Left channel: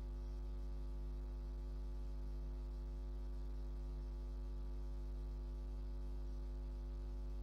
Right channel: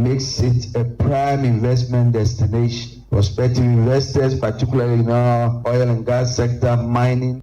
makes it a prime investment destination. Prospective investors, particularly in our oil and gas sector, mining.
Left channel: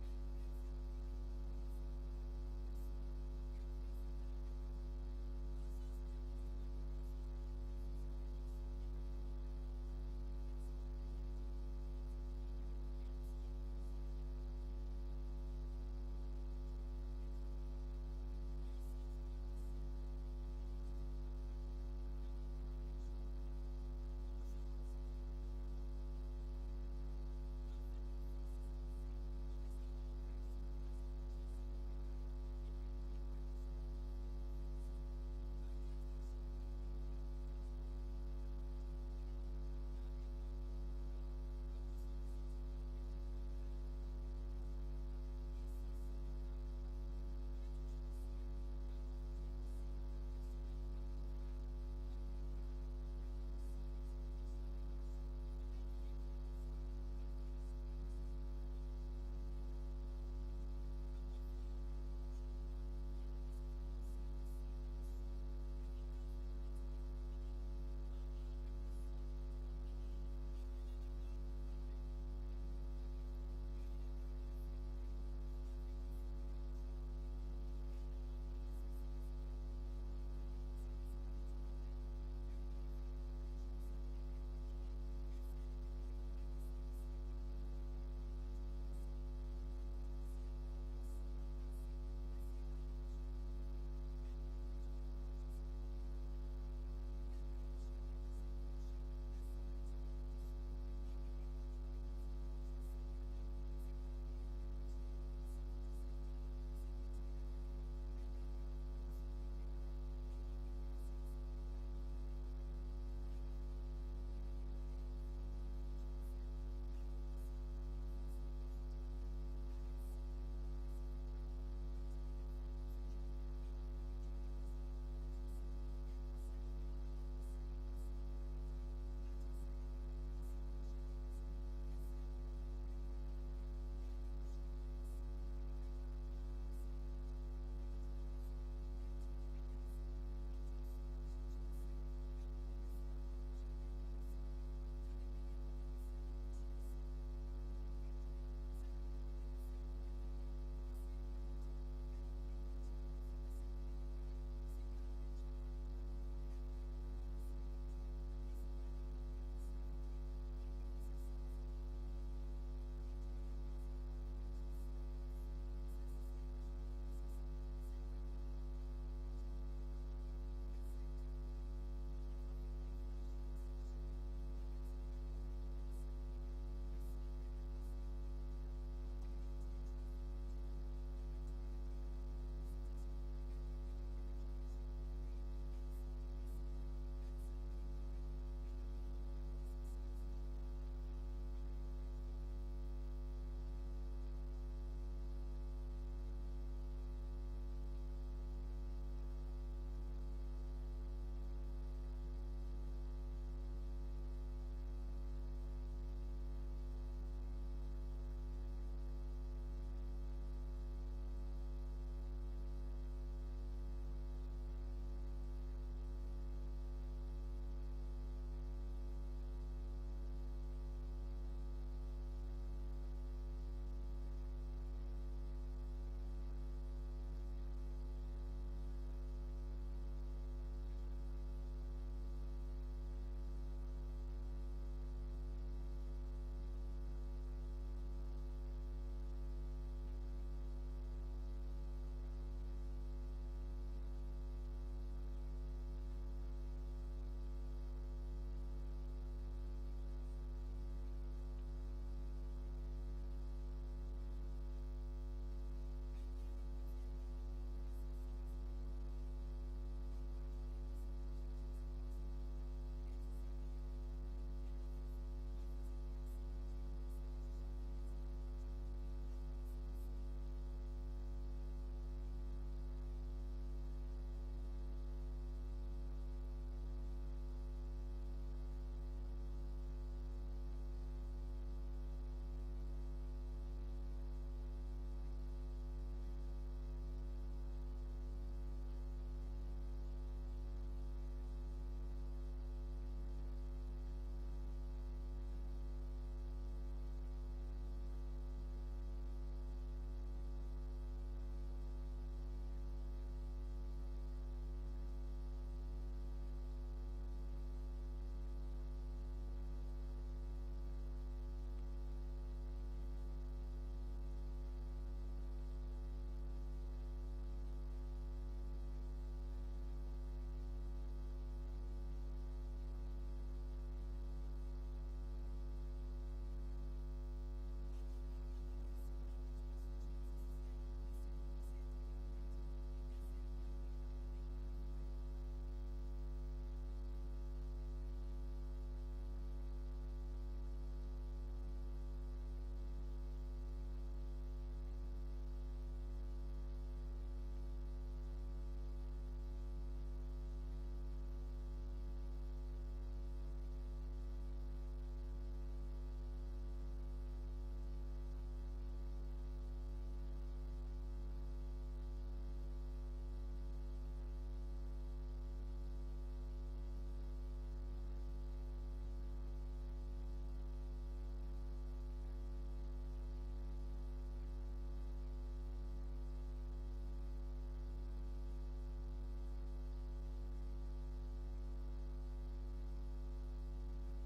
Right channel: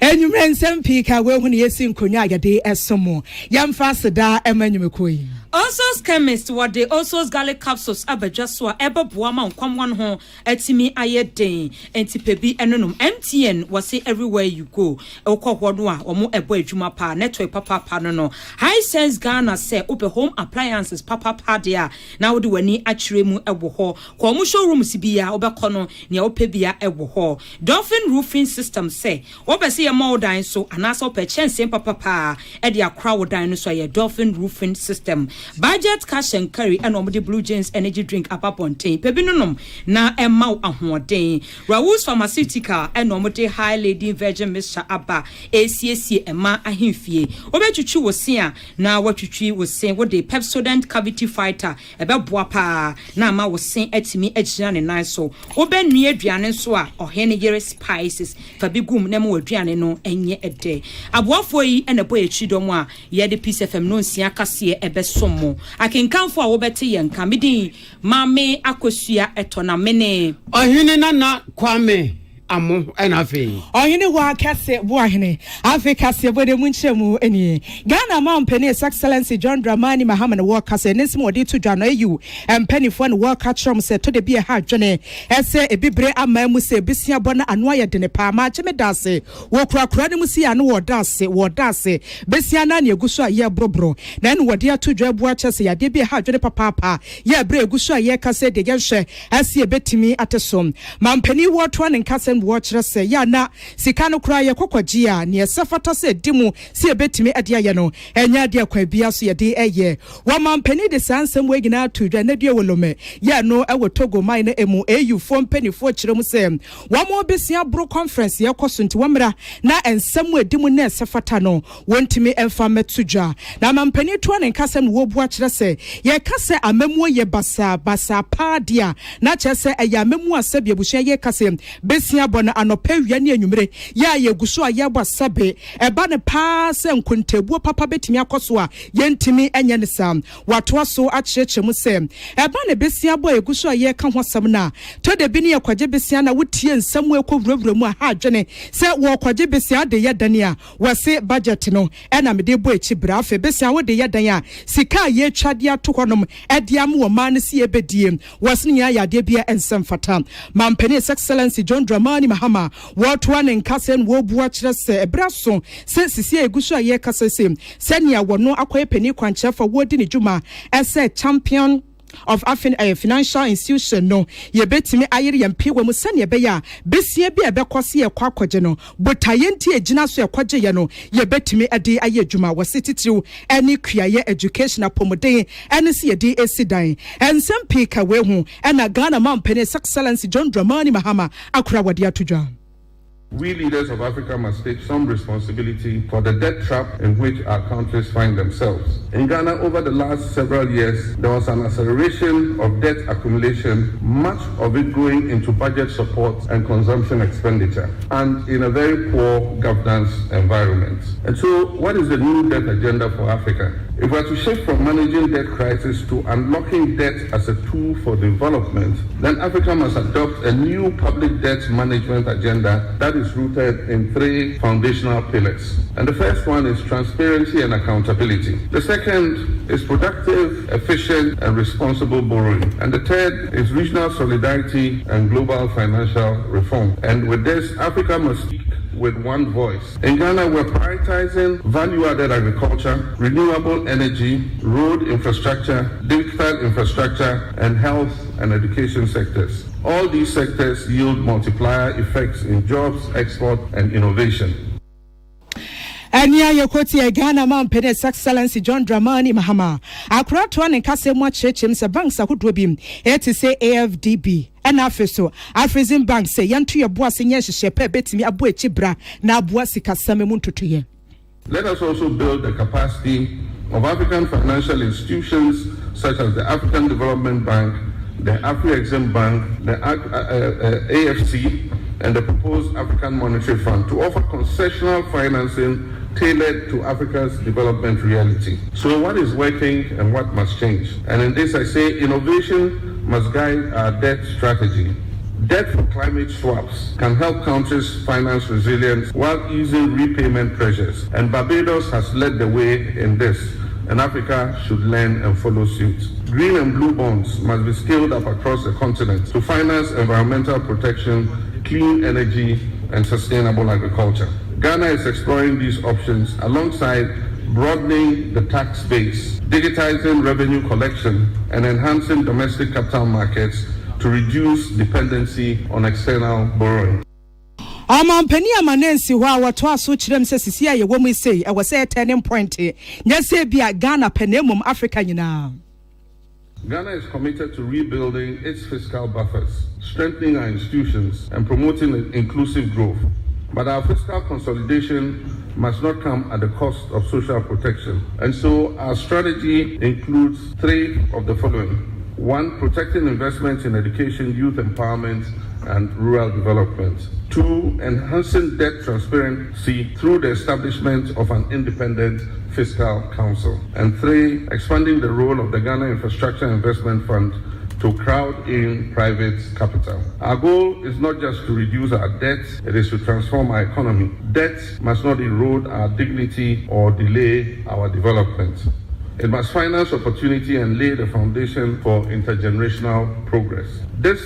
And you ran some peak, I will when you see Kunyaga day as some more. Yam faster da Emmanuel Queen. Also, chemists what they also garlic capsules abajaswa eba buama kwam one ho etimi ayedin entipebi enonum MTN was say everywhere you go okọ hodo a omo ebo adwuma pa network papa no high sense Ghana say open home appliances papa dia na wo de wani akire mu ebo ho ko omo showroom sibia obekọ no ne opebia ebo ho Dolphin roofing system say obese ye modan so anasa opechense papa e de akra wodan no so ye Dolphin roofing system. Budget cash and carry and the Blue James energy drink apapontain pebinonum na emma ahoden Raoul's pharmaceutical and the high lady virgin Mr. Abba ACAC emma ahimfie obetutu was seeing now what you was saying what the Pepsodent cavity fighter about boapa na ma was saying etimi ejina ne so oben nua aduane so a ohene yere spices fabigum na mo aduane no enye ede aboafo yi na boy echidom a ye de Peace FM no nsia kase ebeso Akan for a wobete yen kamidi mame akosua etona mene ohene na kwame amo enafe ohene wa kase bo ahene afi kase bo de munchemu eni Ghana man penny excellency John Dramani Mahama wo kase nsim odi to dwano ayu empany fo na wo ka chrom se to de bi ha dwene ese ebibre ama mu se bisia bona ano aye de ne pa ma cheme dase wo kura ne mu si ano wo dase bisia na ne eguso aye brobro na ne wode ato dwa bu achese ya de bi ha dwene papa ye bre eguso aye kase de yenhwe ase ebetimi atesom man penny wo to ne kase watch say ya na sika no kura ye kokwaji a ne sefata se dimu si ebetimi ade aye no enya de kwa bia so ye de eye wo man penny de sansem we gina to dwa na de wolome ya no ewo Togo mine na emu au fo penny fo kirem se wo mo besia bro conference ye koso nti womra na ensem we dimu na sefata no wontimi emfa metudwa na man penny to ne kasem wo bu a kire se ye kase amemu ye basa pa dia na kire se eya amemu asabia buhia ye kase besia bona anopa wia ne anwumre ya ye guso a ye bosabe eba ne pa se nkontabuo papa betimi akoso a ye ntimi enye ne sam wato so a kirechemu se eba ne besia bo ye guso a ye ka hosam na to de bi ne ye kwaje besia na wotie nsam we kowurawura mu a ha adwene se wo kwaje besia de ye dane a wose budget no ena me de bo echi bra afa besia wo de ye dan a sika ye twade ato honom ede am wo ma ne se ye bedie wose ne ya de bia ensam fata mampani excellency John Dramani Mahama what one in Kasen wo bua kire se ebraso se sisi eguso aye kasese senia wono akoye pani kwanche fa wodi ne djuma ese champion of financial institution no ye betimi ayere yampi wo mu sane be ya besie bi ebekose ye kwakwaje no botaye nti egina so ye kwaje ye no ye betimi ade aye adwuma wo sititiw eni kuaye educational pomoden eni se ye de esidan ensem pika we hu ena Ghana man penny excellency John Dramani Mahama akura wadi atudwa. We leaders of Africa must take some responsibility for the debt trap in which our countries find themselves. In Ghana, over the last several years, there was an acceleration of debt accumulation, much of it going into budget support and consumption expenditure, and in a very poor governance environment. And so, what is the new debt agenda for Africa? If we are to shift from managing debt crisis to unlocking debt as a tool for development, then Africa must adopt a new public debt management agenda that is rooted in 3 foundational pillars. And the first one is transparency and accountability. The second is productive, efficient, and responsible borrowing. And the third is regional solidarity and global financial reform. And with this, Africa must speak with one voice. In Ghana, we're prioritizing value-added agriculture, renewable energy, road infrastructure, digital infrastructure, and health and education sectors. All these sectors yield multiplier effects in jobs, export, and innovation. Ania yokoti Ghana man penny excellency John Dramani Mahama akura to an kase mo chechem se banks ahodo bim e te say AFDB and afeso Afrizin bank say yantu ye boa se nye hye pe betimi abo echi bra na aboa sika same mu ntotoye. Let us also build the capacity of African financial institutions such as the African Development Bank, the Afri-Exim Bank, the AFC, and the proposed African Monetary Fund to offer concessional financing tailored to Africa's development reality. So what is working and what must change? And in this I say innovation must guide our debt strategy. Debt for climate swaps can help countries finance resilience while easing repayment pressures. And Barbados has led the way in this, and Africa should learn and follow suit. Green and blue bonds must be scaled up across the continent to finance environmental protection, clean energy, and sustainable agriculture. Ghana is exploring these options alongside broadening the tax base, digitizing revenue collection, and enhancing domestic capital markets to reduce dependency on external borrowing. Amampani amanensi hɔ a wɔto aso kyerɛm sɛ sisi a yɛwɔ mu sei ɛwɔ sɛ turning point nyɛ sɛ bi a Ghana pɛnɛmum Africa nyinaa. Ghana is committed to rebuilding its fiscal buffers, strengthening our institutions, and promoting inclusive growth. But our fiscal consolidation must not come at the cost of social protection. And so our strategy includes three of the following. One, protecting investments in education, youth empowerment, and rural development. Two, enhancing debt transparency through the establishment of an independent fiscal council. And three, expanding the role of the Ghana Infrastructure Investment Fund to crowd in private capital. Our goal is not just to reduce our debt, it is to transform our economy. Debt must not erode our dignity or delay our development. It must finance opportunity and lay the foundation for intergenerational progress. This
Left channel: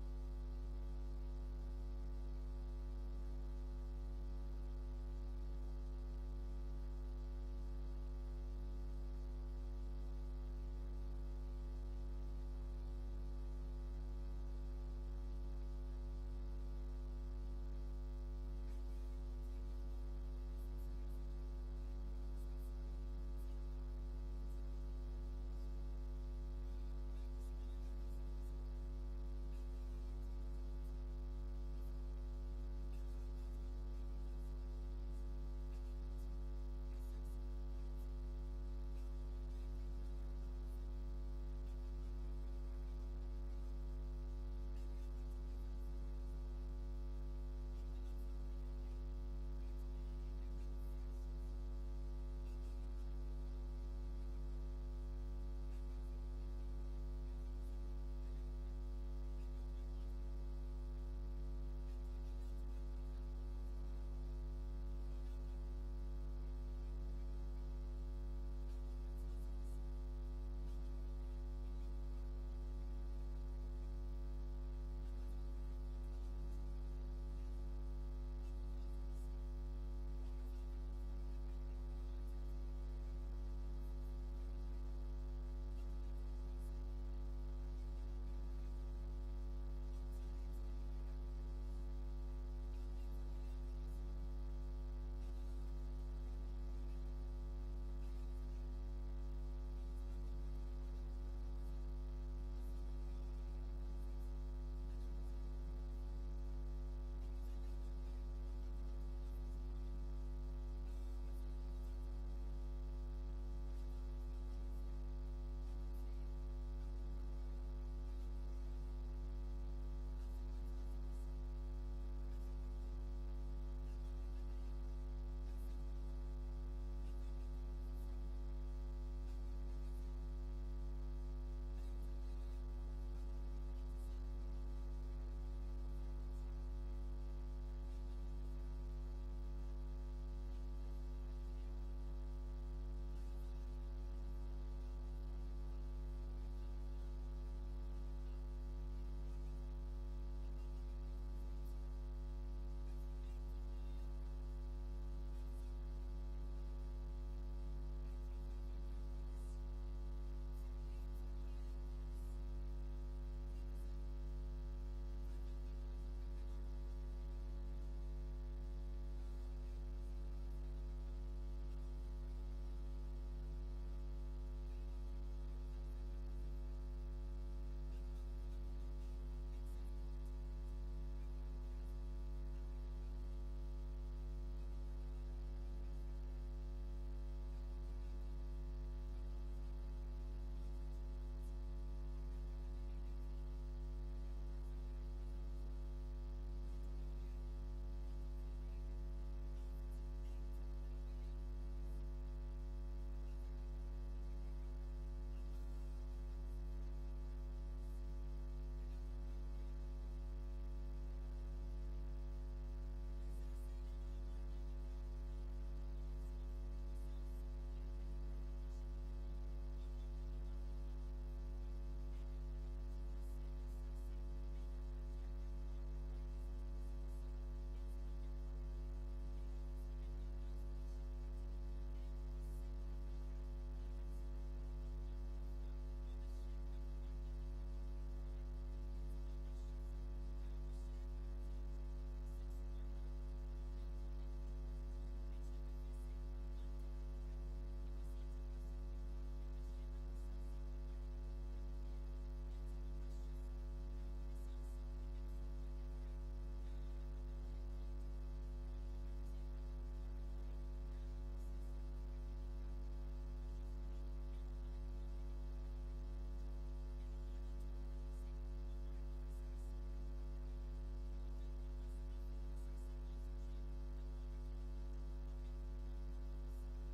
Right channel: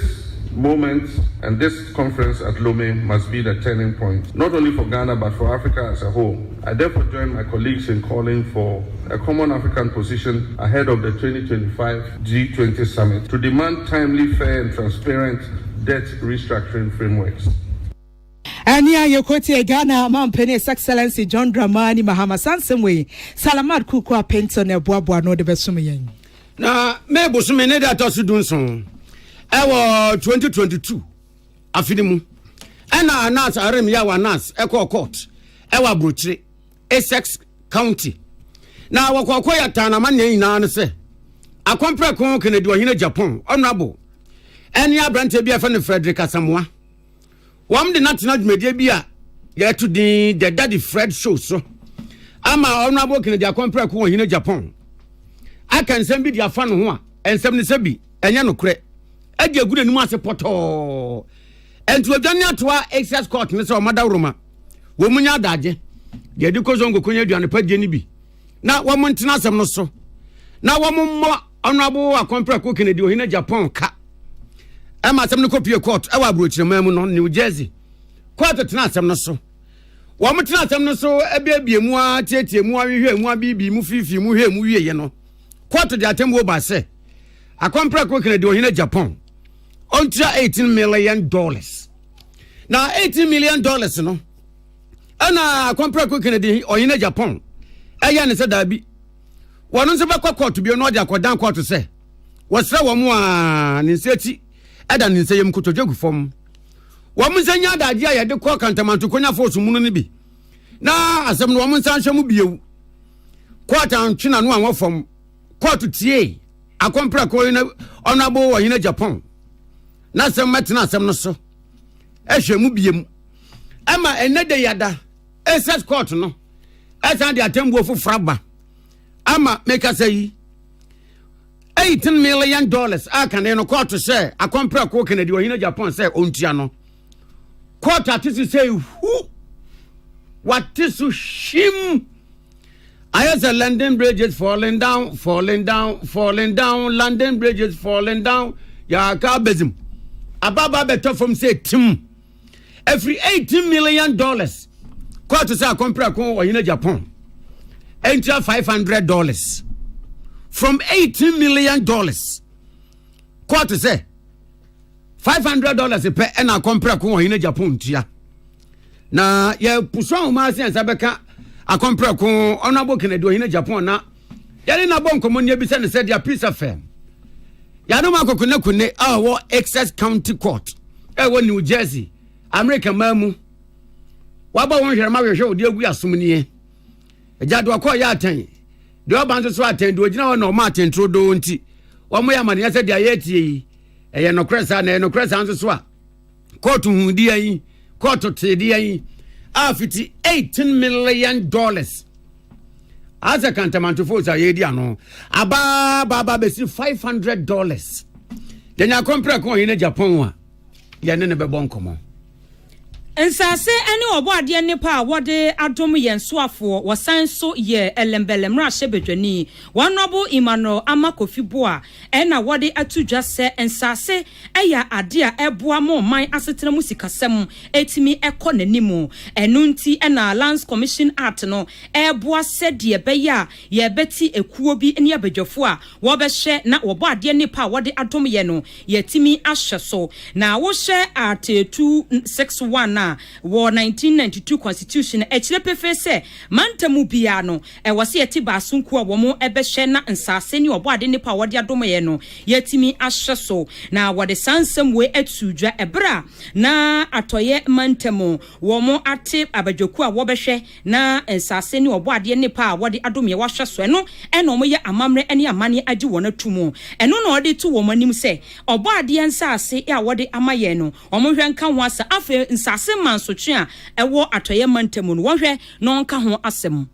moment and this conference at Lomé must be the turning point, not only for Ghana but for Africa as a whole. I therefore join my colleagues in calling for a common African position ahead of the 2025 G20 summit to demand timely, fair and transparent debt restructuring frameworks. Ania Yokoti Ghana Mampeni His Excellency John Dramani Mahama Sansemwe Salamat Kukwa Penton Ebuabua no de Besumiyen. Na me bosume ne da to so dunson. Ewo 2022 afinimu. Ena anas arem ya wanas eko court. Ewa brochire Essex County. Na wakoko ya tana manye nyina ne se. Akompre kon Kennedy ohine Japan honorable. Eni abrante bia fa ne Frederick Asamoah. Wam de national media bia ya to the Daddy Fred show so. Ama honorable Kennedy akompre kon ohine Japan. Akan sem bi dia fa no ho a ensem ne sebi enye no kure. Ade agude nimu ase poto. Entu adwane atoa excess court ne se o mada roma. Wo munya adaje. Ye di kozongo konya aduane padie ni bi. Na wo montena asem no so. Na wo mommo honorable akompre kon Kennedy ohine Japan ka. Ema asem ne kopie court e wa brochirema mu no New Jersey. Court tena asem no so. Wo motena asem no so ebiebie mu a tietie mu ahwehwe mu abibi mu fifi mu hwe mu wiye no. Court de atembo ba se. Akompre kon Kennedy ohine Japan. Until $18 million. Now $18 million no. Ana akompre kon Kennedy ohine Japan. Eya ne se da bi. Wono nso be court bi no de akodan court se. Wosra wo mu a ne nseti eda ne nseyem kotodwagu fom. Wo mu nsanya adaje a ye de ko kantamanto konya force mu no bi. Na asem no wo mu nsanhwe mu biewu. Court antwena no an fom. Court tie akompre kon honorable ohine Japan. Na sem metena asem no so. Ehwe mu biem. Ama enede yada. Excess court no. Esa de atembu ofufraba. Ama make us say $18 million. Akan no court say akompre kon Kennedy ohine Japan say ontua no. Court atisi say who? What is shim? I say London bridges falling down, falling down, falling down. London bridges falling down. Ya ka bezim. Ababa beto from say tim. Every $18 million. Court say akompre kon ohine Japan. Enter $500. From $18 million. Court say $500 per and akompre kon ohine Japan tia. Na ye puso ma se sabeka akompre kon honorable Kennedy ohine Japan na yare na bon komonie bi se ne se dia peace affair. Ya no makokune wo Essex County Court. Wo New Jersey. America mamu. Waba won hwere ma hwehwe odi agu asomnie. Ejado akọ ya atan. De oba nso so atan de ogina na o ma atan trodo nti. Wo mo ya mane ya se dia ye tie yi. No kresa na no kresa nso so a. Court hu di yi. Court te di yi. afiti $18 million. As a cantamantofo sa yedi ano aba besi $500. Then ya compare ko in Japan wa ya ne be bon komo. Nsase ene oboade ne pa wode adom yen soafo wosan so ye elembelem ra hyebedwani wanobo imano amakofiboa ena wode atudwa se nsase eya ade a eboa mo man asetena musikasem etimi ekọ nanimu enu nti ena Lands Commission Act no eboa se de beya ye beti ekuo bi ne abadwafo a wo be hye na oboade ne pa wode adom ye no yetimi ahye so na wo hye Art 261 war 1992 constitution echilepefe se mantamu bia no wose yeti basunku a wo mo ebehye na nsase ni oboade ne pa wode adom ye no yetimi ahye so na wode sansem we atudwa ebra na atoye mantamu wo mo ate abadwoku a wo behye na nsase ni oboade ne pa wode adom ye wahye so eno mo ye amamre ene amane agi wona tumu eno na wode tu wo manim se oboade nsase ya wode amaye no wo mo hwenka ho asa afa nsase manso twa ewo atoye mantamu no wohwe no nka ho asem.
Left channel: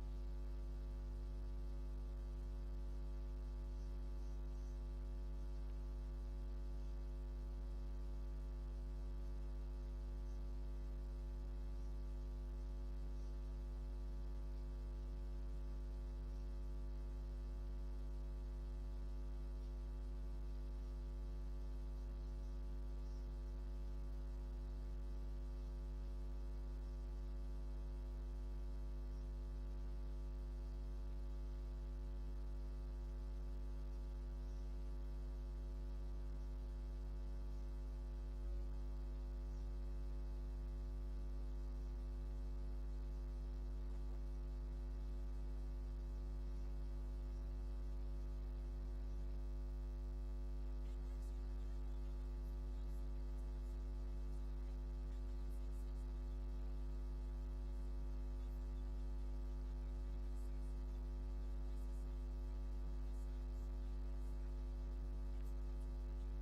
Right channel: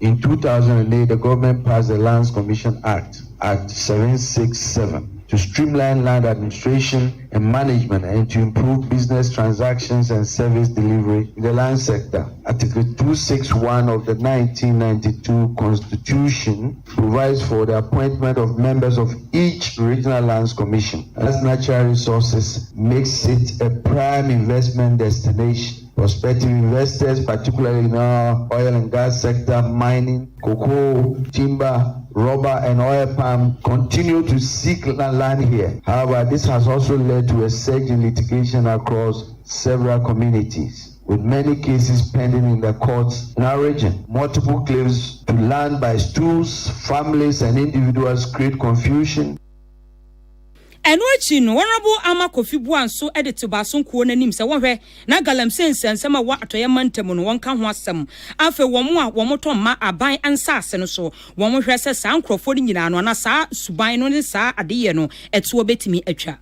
In 2008, the government passed the Lands Commission Act 767, to streamline land administration and management and to improve business transactions and service delivery in the land sector. Article 261 of the 1992 Constitution provides for the appointment of members of each regional lands commission. As natural resources makes it a prime investment destination. Prospective investors, particularly in our oil and gas sector, mining, cocoa, timber, rubber, and oil palm, continue to seek land here. However, this has also led to a surge in litigation across several communities, with many cases pending in the courts in our region. Multiple claims to land by stools, families, and individuals create confusion. Enwachi no Honorable Amakofibu anso edit basunkuo nanim se wonhwe na galamsen sensema wa atoye mantamu no wonka ho asem afa womo a womoto ma aban ansase no so womo hwe se sa nkrofo ni nyina no na sa suban no ne sa adeye no etuo betimi atwa.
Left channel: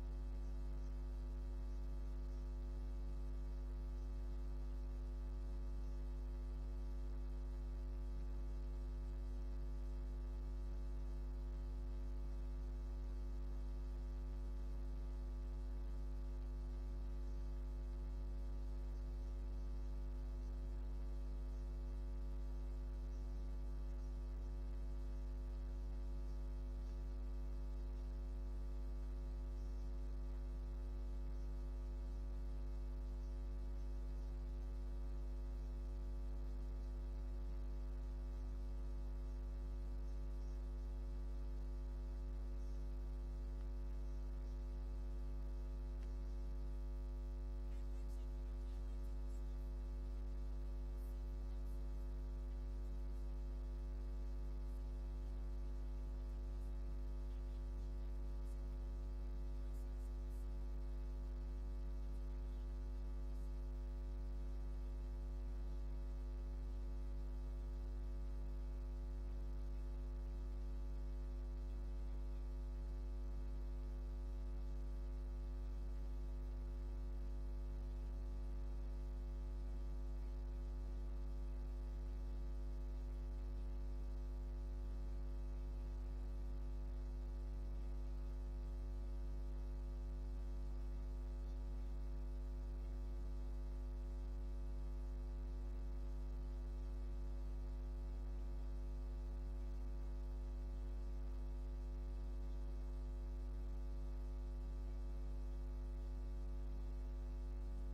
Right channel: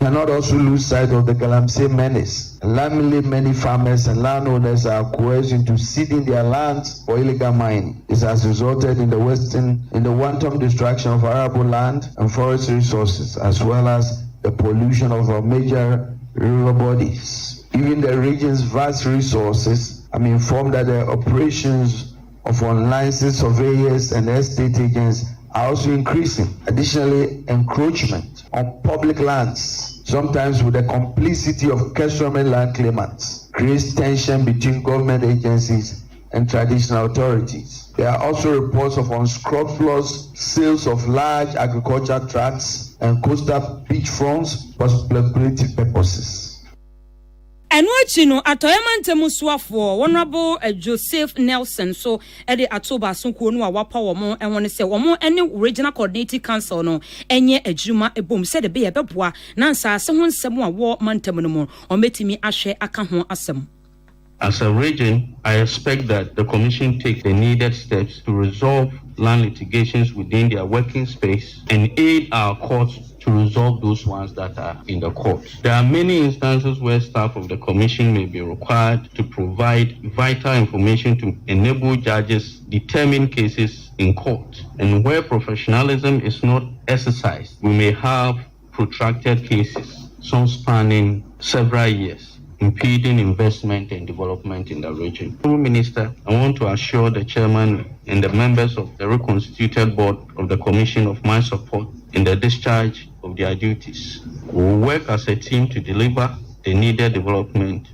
Cannot also lose sight of the Galamsey menace. Alarmingly, many farmers and landowners are coerced into ceding their lands for illegal mining. This has resulted in the wanton destruction of arable land and forest resources, as well as the pollution of our major river bodies. Given the region's vast resources, I'm informed that the operations of unlicensed surveyors and estate agents are also increasing. Additionally, encroachment on public lands, sometimes with the complicity of customary land claimants, creates tension between government agencies and traditional authorities. There are also reports of unscrupulous sales of large agricultural tracts and coastal beachfronts for speculative purposes. Enwachi no atoyamantemu soafo Honorable Joseph Nelson so ede atoba sonkuo no a wapa wo enwone se wo ene regional coordinating council no enye adwuma ebom se de be ye beboa na nsase ho nsem a wo mantemu no mo ometimi ahwe aka ho asem. As a region, I expect that the Commission take the needed steps to resolve land litigations within their working space and aid our courts to resolve those ones that are in the court. There are many instances where staff of the Commission may be required to provide vital information to enable judges determine cases in court. And where professionalism is not exercised, we may have protracted cases, some spanning several years, impeding investment and development in the region. Prime Minister, I want to assure the chairman and the members of the reconstituted board of the Commission of my support in the discharge of their duties. We will work as a team to deliver the needed development.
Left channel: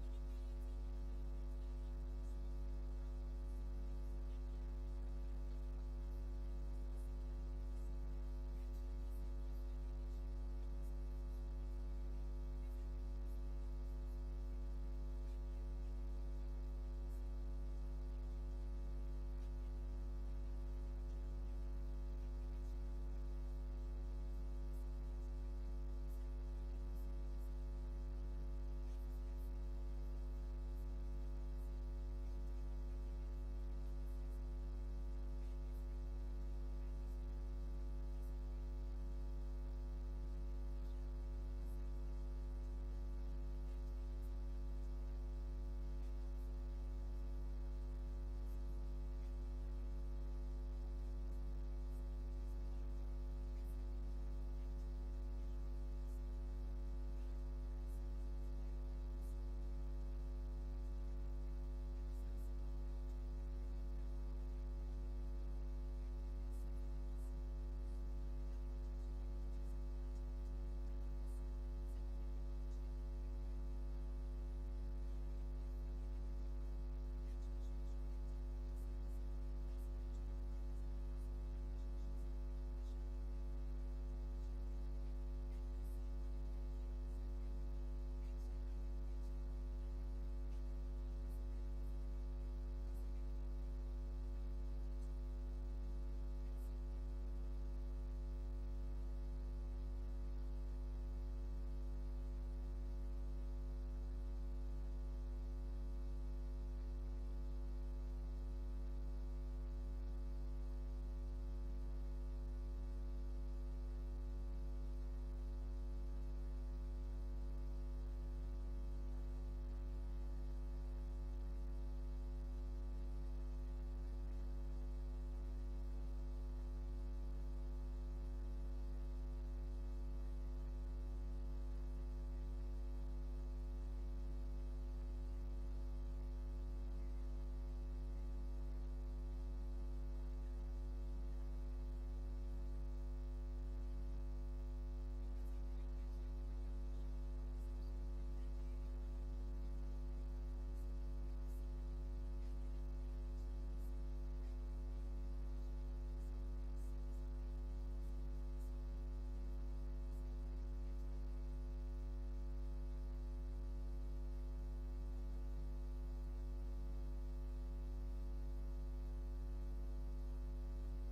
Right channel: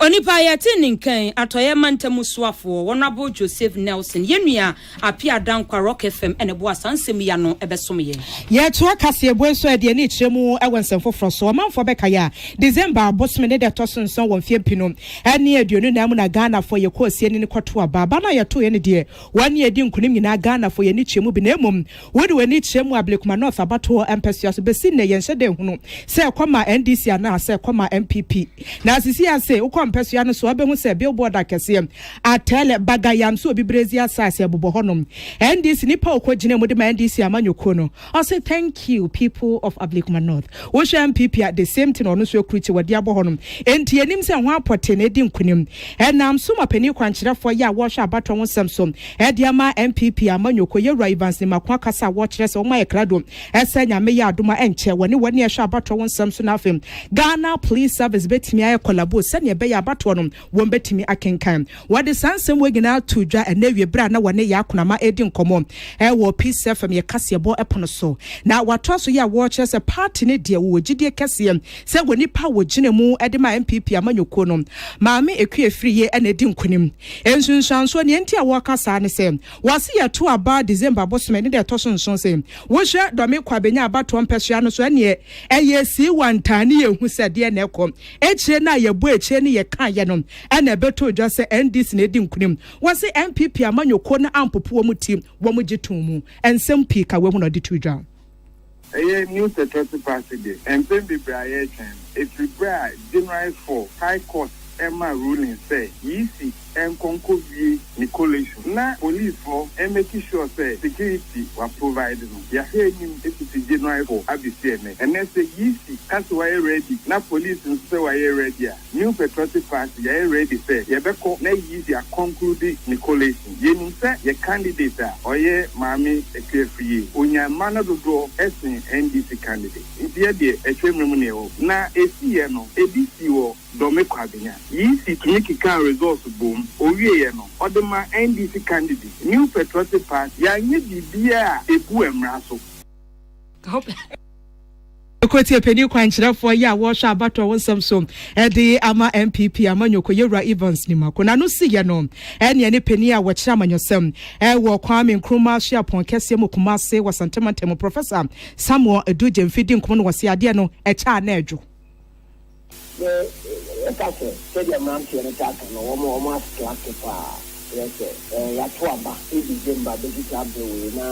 Onipa yati nkan atoye mantamu soafo Honorable Joseph Nelson yenua apia dankwa Rock FM ene bo asansem ya no ebesom ye ye to akase eboenso ade ni kyeremu ewensem foforo so manfo beka ya December bosme ne de tosonson won fiempino ene aduonu na mu na Ghana fo ye kosie ni kwoto aba na ye to ye ne de wane edi nkunim nyina Ghana fo ye ni kyeremu bi na emom wodi wani kyeremu ablekuma North abato empesios besi ne ye nhede hunu se kwama NDC ana se kwama MPP na asisi ase ukwa mpesua no so abehu se billboard akese atele bagayam so obibrezi asase abobo honom NDC nipa okogine mu de ma NDC amanyoko no I say thank you people of Ablekuma North wo hwe MPP at the same thing ono so okruchi wade abo honom enti enim se ho apote na edi nkunim enam so mapani kwankyerefo ya wo hwe abato ho samsom ediama MPP amanyoko ye Evans ni makwa kasa wo kyerɛ sɛ wo ma yɛ krado ɛsɛ nyame yɛ adoma ɛnkyɛ wone wɔne ɛhwɛ abato wo nsɛm so na afem Ghana Police Service betimi ayɛ collabo sɛ ne ɛbɛyɛ abato no wɔn betimi akenkan wɔde sansɛm wɔ nyinaa to dwa ɛna wie bra na wɔne yɛ akonama edi nkɔmɔ ɛwɔ Peace FM yɛ kaseɛbɔ ɛpono so na wato so yɛ wo kyerɛ sɛ party ne deɛ wo gidie kɛseɛ sɛ wɔ nipa wɔ gyina mu ɛde ma MPP amanyoko no maame ekue free yɛ ɛna edi nkunim ensunsuanso ne enti a wɔkasa ne sɛ wɔse yɛ to aba December bosome ne de to so nso se wo hwɛ dɔme kwabenya abato mpɛsua no so ɛne ɛyɛ si wantane yɛ hu sɛ de na ɛkɔ ekyire na yɛ bo ekyire ne yɛ kan yɛ no ɛna ɛbɛto dwa sɛ NDC na edi nkunim wɔse MPP amanyoko na ampopo wɔ mu ti wɔ mu gyetum mu ensɛm pii ka wɔ mu na de to dwa ɛyɛ new security party de mpɛn bebree ayɛ twɛn efiri January 4 High Court Emma ruling say easy and concovie Nicolation. Na police for and making sure say security were provided. Ya hear him it's January 4 ABCN. And then say easy that's why ready. Na police and say why ready. New patriotic party ya ready say ya beko na easy a conclude Nicolation. Ye nim say your candidate or ye mami ekefie. Onya mana do esin NDC candidate. India de etwemremu o. Na esi no edisi wo do me kwabenya. Easy to make a results boom. Owie no odema NDC candidate new patriotic party ya nye bibia ebu emraso Ekoti epeni kwankyerefo ya wo hwa abato wonsam so ede ama MPP amanyoko yewura Evans ni mako na no si ye no ene ne peni a wo kyerɛ amanyosam wo Kwame Nkrumah hye apon kese mu Kumase wasantemantem Professor Samuel Eduje mfidi nkomo no wase ade no ɛkya na adwo Ekase sɛdeɛ mmeranteɛ no taaka no wɔn astrate paa yɛsɛ yɛato aba December bɛkita abɛwei na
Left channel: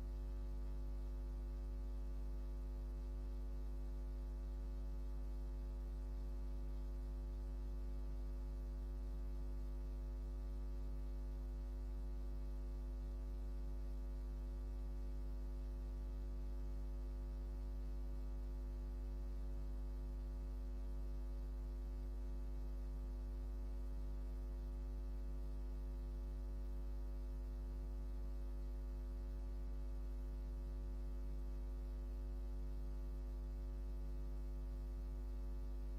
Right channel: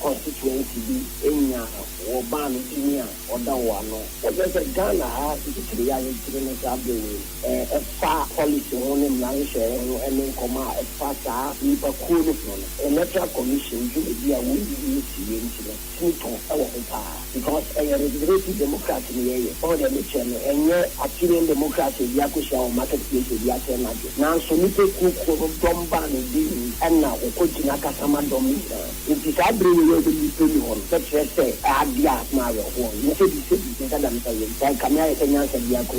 constituency bi ɛnya wɔbaa no tumi a ɔda wɔ ano wɔbɛ sɛ Ghana ha titiri a yɛtiri no sɛ abɛwei ɛfa policy ho ne mmarahyɛ ho ɛne nkɔmɔ a ɛfa saa nnipakuo no ho no electoral commission dwumadi a wɔnyi sie nti no tumi ɛwɔ ho paa because regenerative democracy ni yeye all the mission enye Argentinian democracy ya kusha o marketplace ya tena na so ni pe ku domba ni di na okojina kasama domina it is abre we dey pe ni on that say adia ma yo ho ni se di kada mi say kamya kenya se dia ko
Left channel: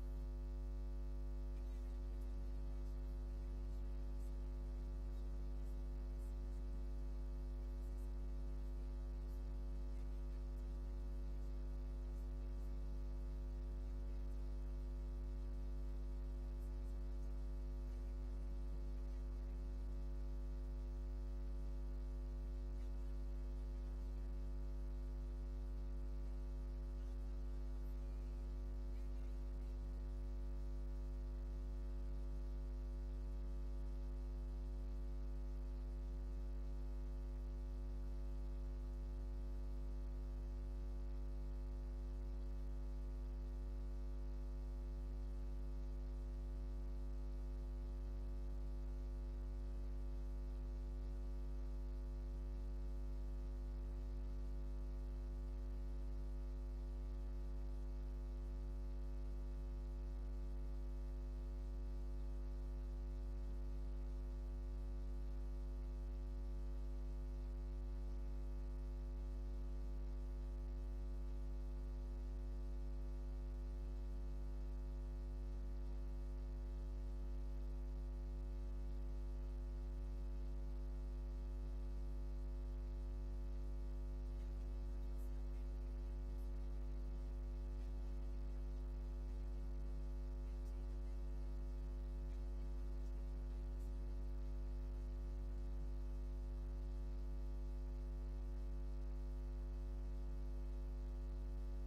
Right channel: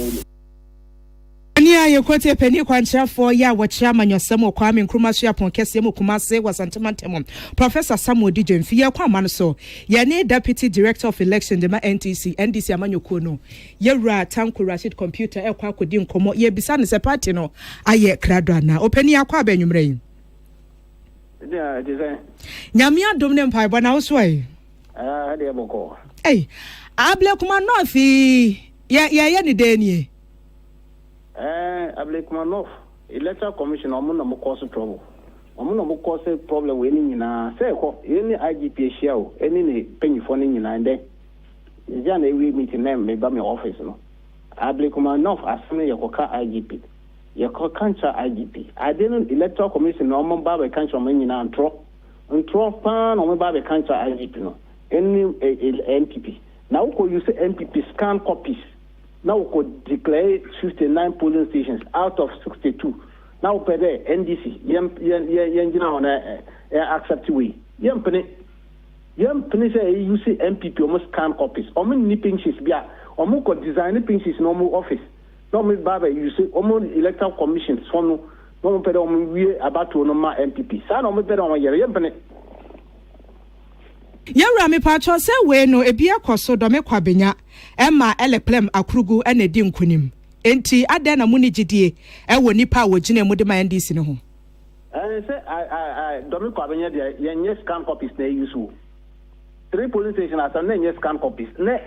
Ani aye kwete peni kwankyerefo ya wɔkyerɛ amanyɔsɛm wɔ Kwame Nkrumah so apon kɛseɛ mu Kumase wasantemantem Professor Samuel Eduje mfi yɛ kwa no so yɛne Deputy Director of Election de ma NDC amanyɔko no yɛwura Tanko Rashid computer ɛkɔ akɔdi nkɔmɔ yɛbisa ne sɛ party no ayɛ krado ana opani akɔ abɛnwumrɛ yi yeah design nyame adom ne mpaebɔ na wo so ai de bɔkɔ Ablekuma North yɛ ne denie Ablekuma North Electoral Commission omo na mo cause trouble. Omo na mo cause problem we ni nyina. Say ko any IGP ahia o, any ne panyifo ni nyina nde. Ija na we meeting na me ba me office no. Ablekuma North asem ye koka IGP. Ye koka kancha IGP. Ade no Electoral Commission no omo ba be kancha omo nyina ntro pa na omo ba be kancha IGP no. Any NPP. Now ko use NPP scan copies. Now we could declare 59 polling stations out of 62. Now per day NDC on accept way. Yempene say you see MPP almost scan copies. Almost nipping sheets be almost could design pinches in normal office. Normal baba you see almost electoral commissions from no per we about to normal MPP. Sa no me per on yempene. Yawura me pacho sɛ we no ebia koso do me kwabenya Emma eleplem akrugu ene di nkunim enti ade na mu ni gidie ewo nipa wo gine mu de ma NDC no ho say I do me kwabenya de yenye scan copies na use 3 police station asa na yenye scan copies na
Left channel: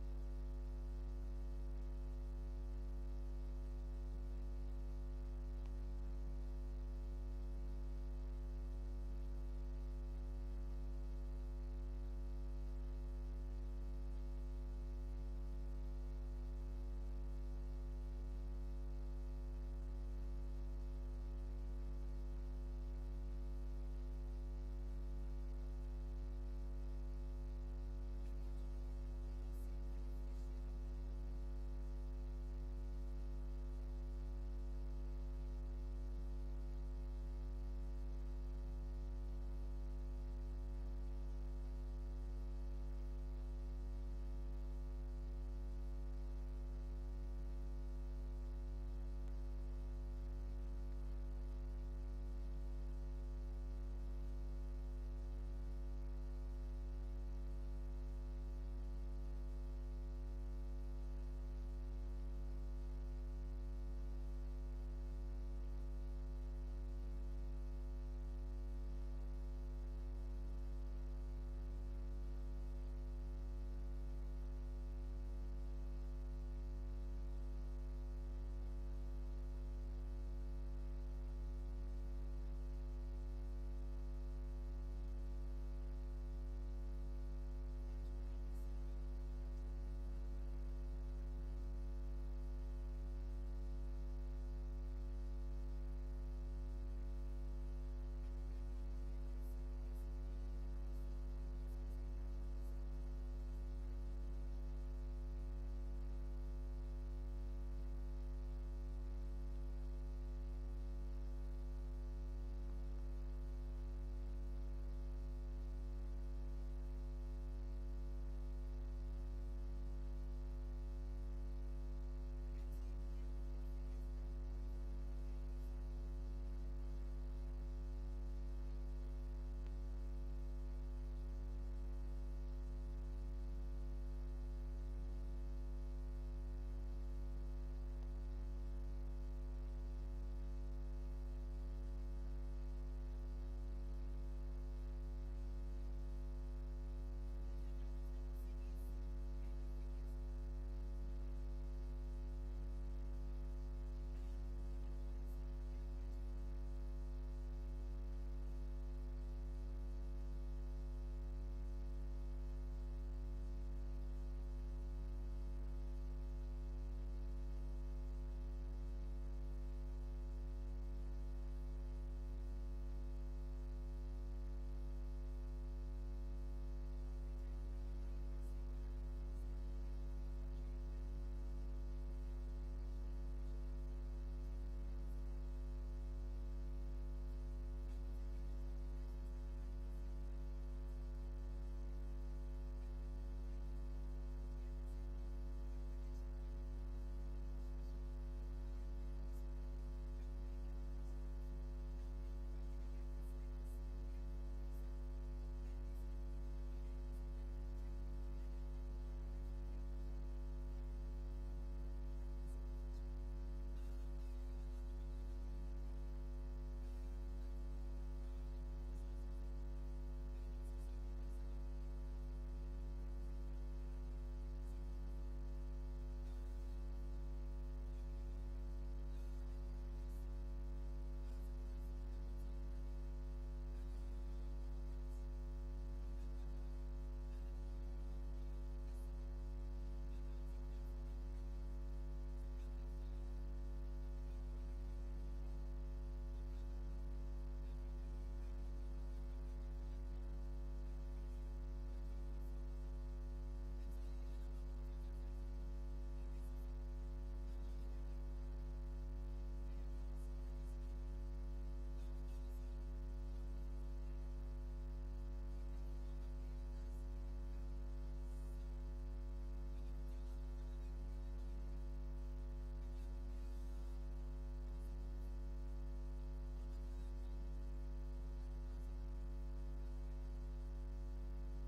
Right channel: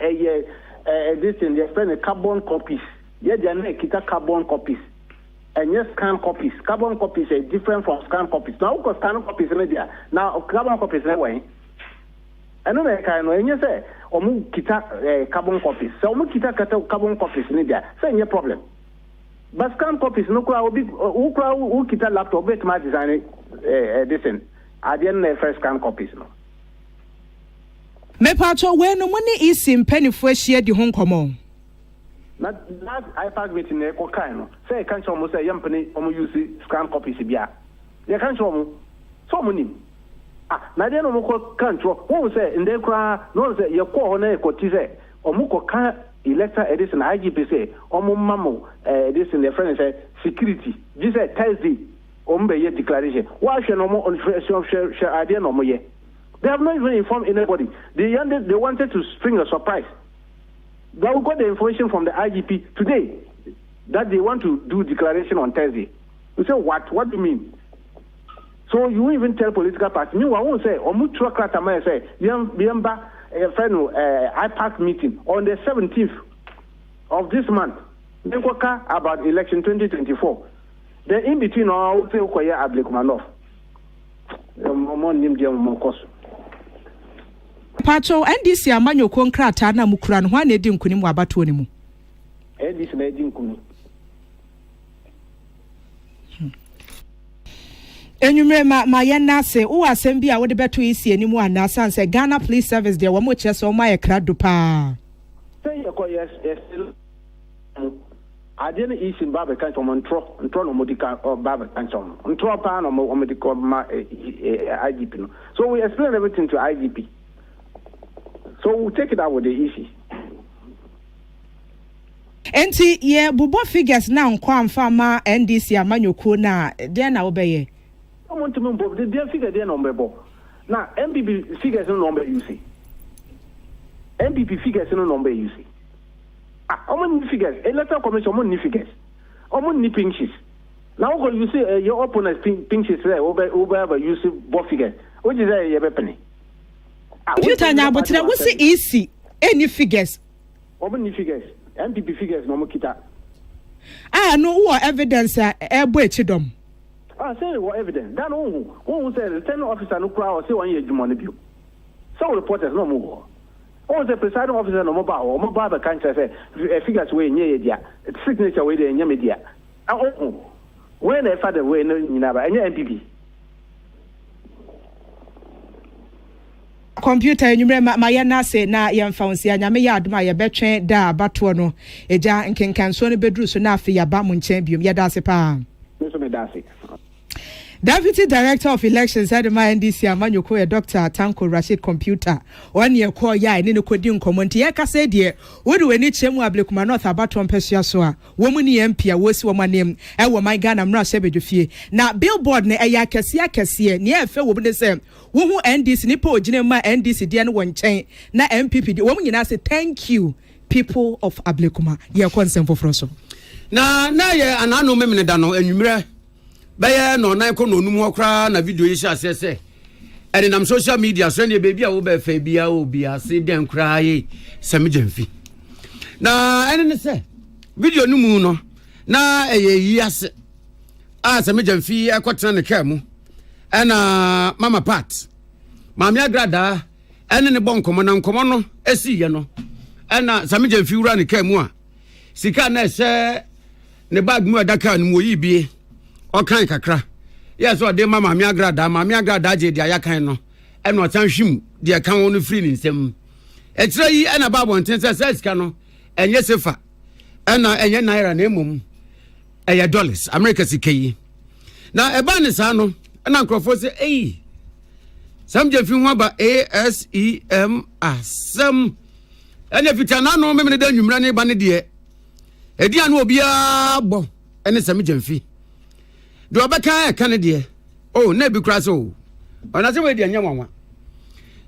this thing they spend carbon copies ye de na kita carbon copies and yes scan copies carbon copies are different from scan copies now because scan copies na dia now carbon copies na way eno na kai no enye say omu kita carbon copies so omu kita carbon copies ni dia say enye problem But scan copies no kwa obi who kita laptop bet ma design this at the end first scan copies no. Me pacho we no money is in penifo share di ho nkomo. Na last iPad meeting e ko kan no. Say kan so mo say yampani omo use scan copies bia. Ye kan so mo nim. Na dey no mo ko kan tro. Who say in dey kra no say ye ko ho na e ko ti say omo ko kan electoral edition IGP say omo mamo edition the friend say security. This say Thursday ombe ye declaration. Why should no mo on share idea no mo ye. They have not even informed anybody. They wanted to spring a surprise. They got the information from the IGP today that they want to do declaration on Thursday. You say what? What do you mean? So you won't even tell political parties. Meanwhile, I won't say, Omutra Kratama say, Yamba, IPAC meeting on the 17th of this month. Then about election 2024. Then in between, I will say, Okoye Ablekumanov. Pacho NDC amanyo konkrata na mukura no hwane di nkunim wabato ne mu. NDC na di nkunim. Enyumre ma yenna se wo asem bi a wo de beto isi animu ana sanse Ghana Police Service de wo mo kire so ma ye krado pa. Say yes adene isi mbabe kan so ntro no modika or babe kan so ntro pa no modika ma IGP no. So we explain everything to IGP. So we'll take it out with the issue. Enti ye bubo figures na nkwa amfa ma NDC amanyoko na de na obeye. I want to move the figure there number bo. Now MPP figures no number you see. MPP figures no number you see. How many figures? Electoral commission how many figures? How many pinches? Now when you say your opponent pinches there over you see both figures. What is that you penny? Computer nya abotire wo se easy any figures omo figures MPP figures no mo kita no what evidence ebo echidom say what evidence that who say the 10 officer no kra or say one year jumon bio so reporters no mo who say presiding officer no mo ba be kan say figures we nye dia signature we dey nya media when the father we no nyina ba nya MPP computer enyumre ma yana se na yemfa onsi anyame ya aduma ye betwen da bato no eja nkenkanso no bedru so na afi ya ba mu nchen biom ya da se pa me so me da se. Deputy Director of Elections at the NDC Amanyoko Dr. Tanko Rashid Computer one year call ya ni no kodi nkomo nti ye ka se de wo de wani chemu Ablekuma North abato mpesua so a wo mu ni MP a wo si wo manem e wo man Ghana mra se bedwofie na billboard ne eya kese ne e fe wo bu ne se wo hu NDC ni po ogine ma NDC de no wonchen na MPP de wo mu nyina se thank you people of Ablekuma ye consent for so na ye anano memene da no anwumre baya no nan ko no num okra na video yi sha sese ene nam social media so ne baby a wo be fa bia obi ase den kra yi semjemfi na ene ne se video no mu no na yi ase a semjemfi ekotena ne ka mu ena mama pat mama agrada ene ne bonkomo na nkomo no esiye no ena semjemfi wura ne ka mu a sika na se ne bag mu adaka no mo yi bie okan kakra yes o de mama mi agrada je dia yakan no e no tan hwim de kan won free ni nsem e kire yi e na babo nten se sika no enye sefa e na enye naira na emom e ya dollars america sika yi na e ba ne sa no na nkrofo se sam je fi ho ba ASEM asem ene fitana no memene da nwumra ne ba ne de e dia no obi a bo ene sam je fi do abaka kan de na bi kura so ona se we de anya wanwa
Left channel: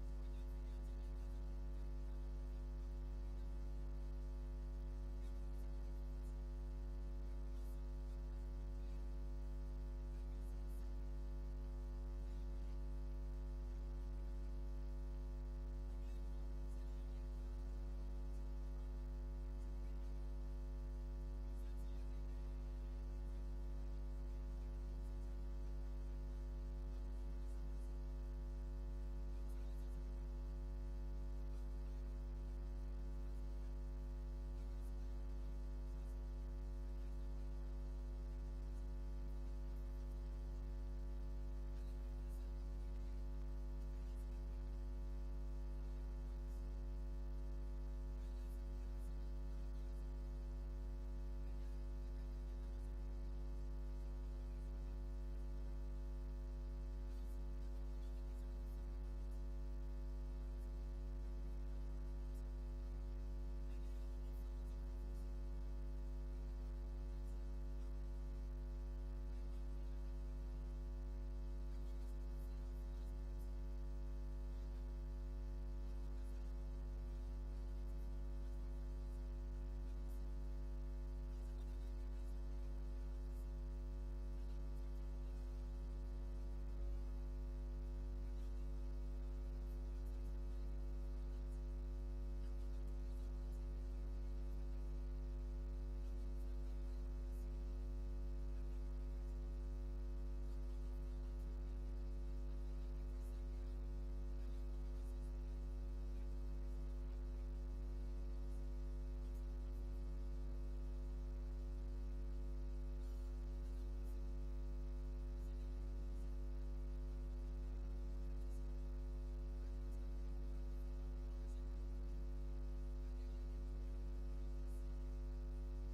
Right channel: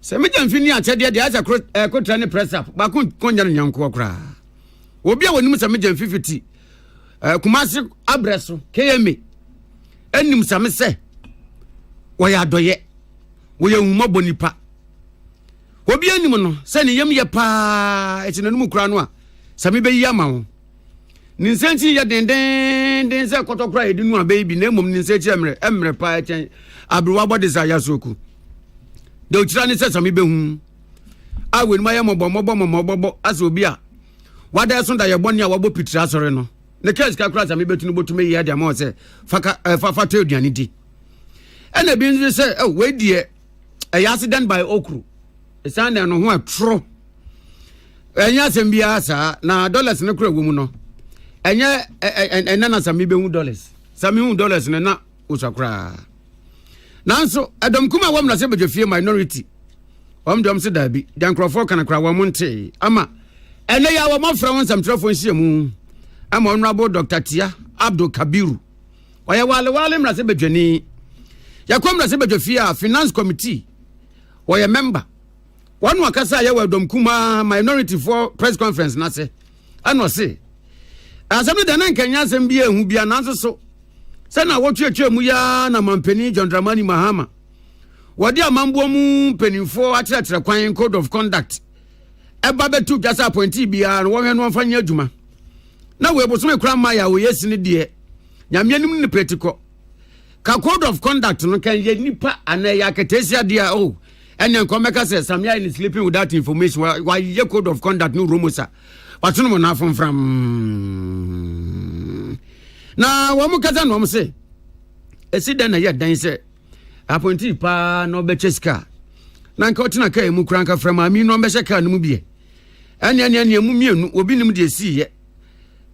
se me jamfi ni achede de asa kotra ne press up ba konya nyanko kura obi a wonim se me jamfi fiti kumasi abreso keme enim se me se wo ya doye wo ya huma bonipa obi anim no se ne yem ye pa etinanum kura no a se me be yi ama wo ninsenchi ya den se kotokra edinu a baby na emom ninsenchi emre pa echen abruwa body za yasoku de otira ni se sami behu awe ni maye mobo aso obi a wada so da ye boni a wabo pitira sore no ne case ka kura sa me betu no botume yi ade ma say fa to aduane di ena bi nso say we die a accident by okru esan na no ho atro enya asem bia sa na dollars ne kura wo mu no enya enana sa me be hu dollars sa me hu dollars ne na usakra nanso Adam kuma wam na se bedwafie minority dem se dabi dan crofo kana kra wam nte ama ene ya wam afra won samtrafo nhyiamu ama honorable Dr. Tia Abdul Kabiru oya wale mra se bedwani yakom na se bedwafie a finance committee oya member wanu akasa ya wa Adam kuma minority for press conference na se ano se asem de nan kanya asem bia ehu bia nanso so sana wotwetwe mu ya na mampeni John Dramani Mahama wodi amambo mu penifo akyerɛkyerɛ kwan code of conduct eba betu jasa appointee bia no wɔhwɛ no mfanya adwuma na we bosome kura ma ya wo yesini de nyamyanim ne pretiko ka code of conduct no kan ye nipa anaya ketesia de o enya nkomeka se samya in sleeping without information why ye code of conduct no romosa watono mo na fomfram na wo mu kaza no mo se esi den na ye dan se appointee pa no be cheska na nka otina kai mu kranka frama mi no be sheka no mu bie anya mu mienu obi nim de si ye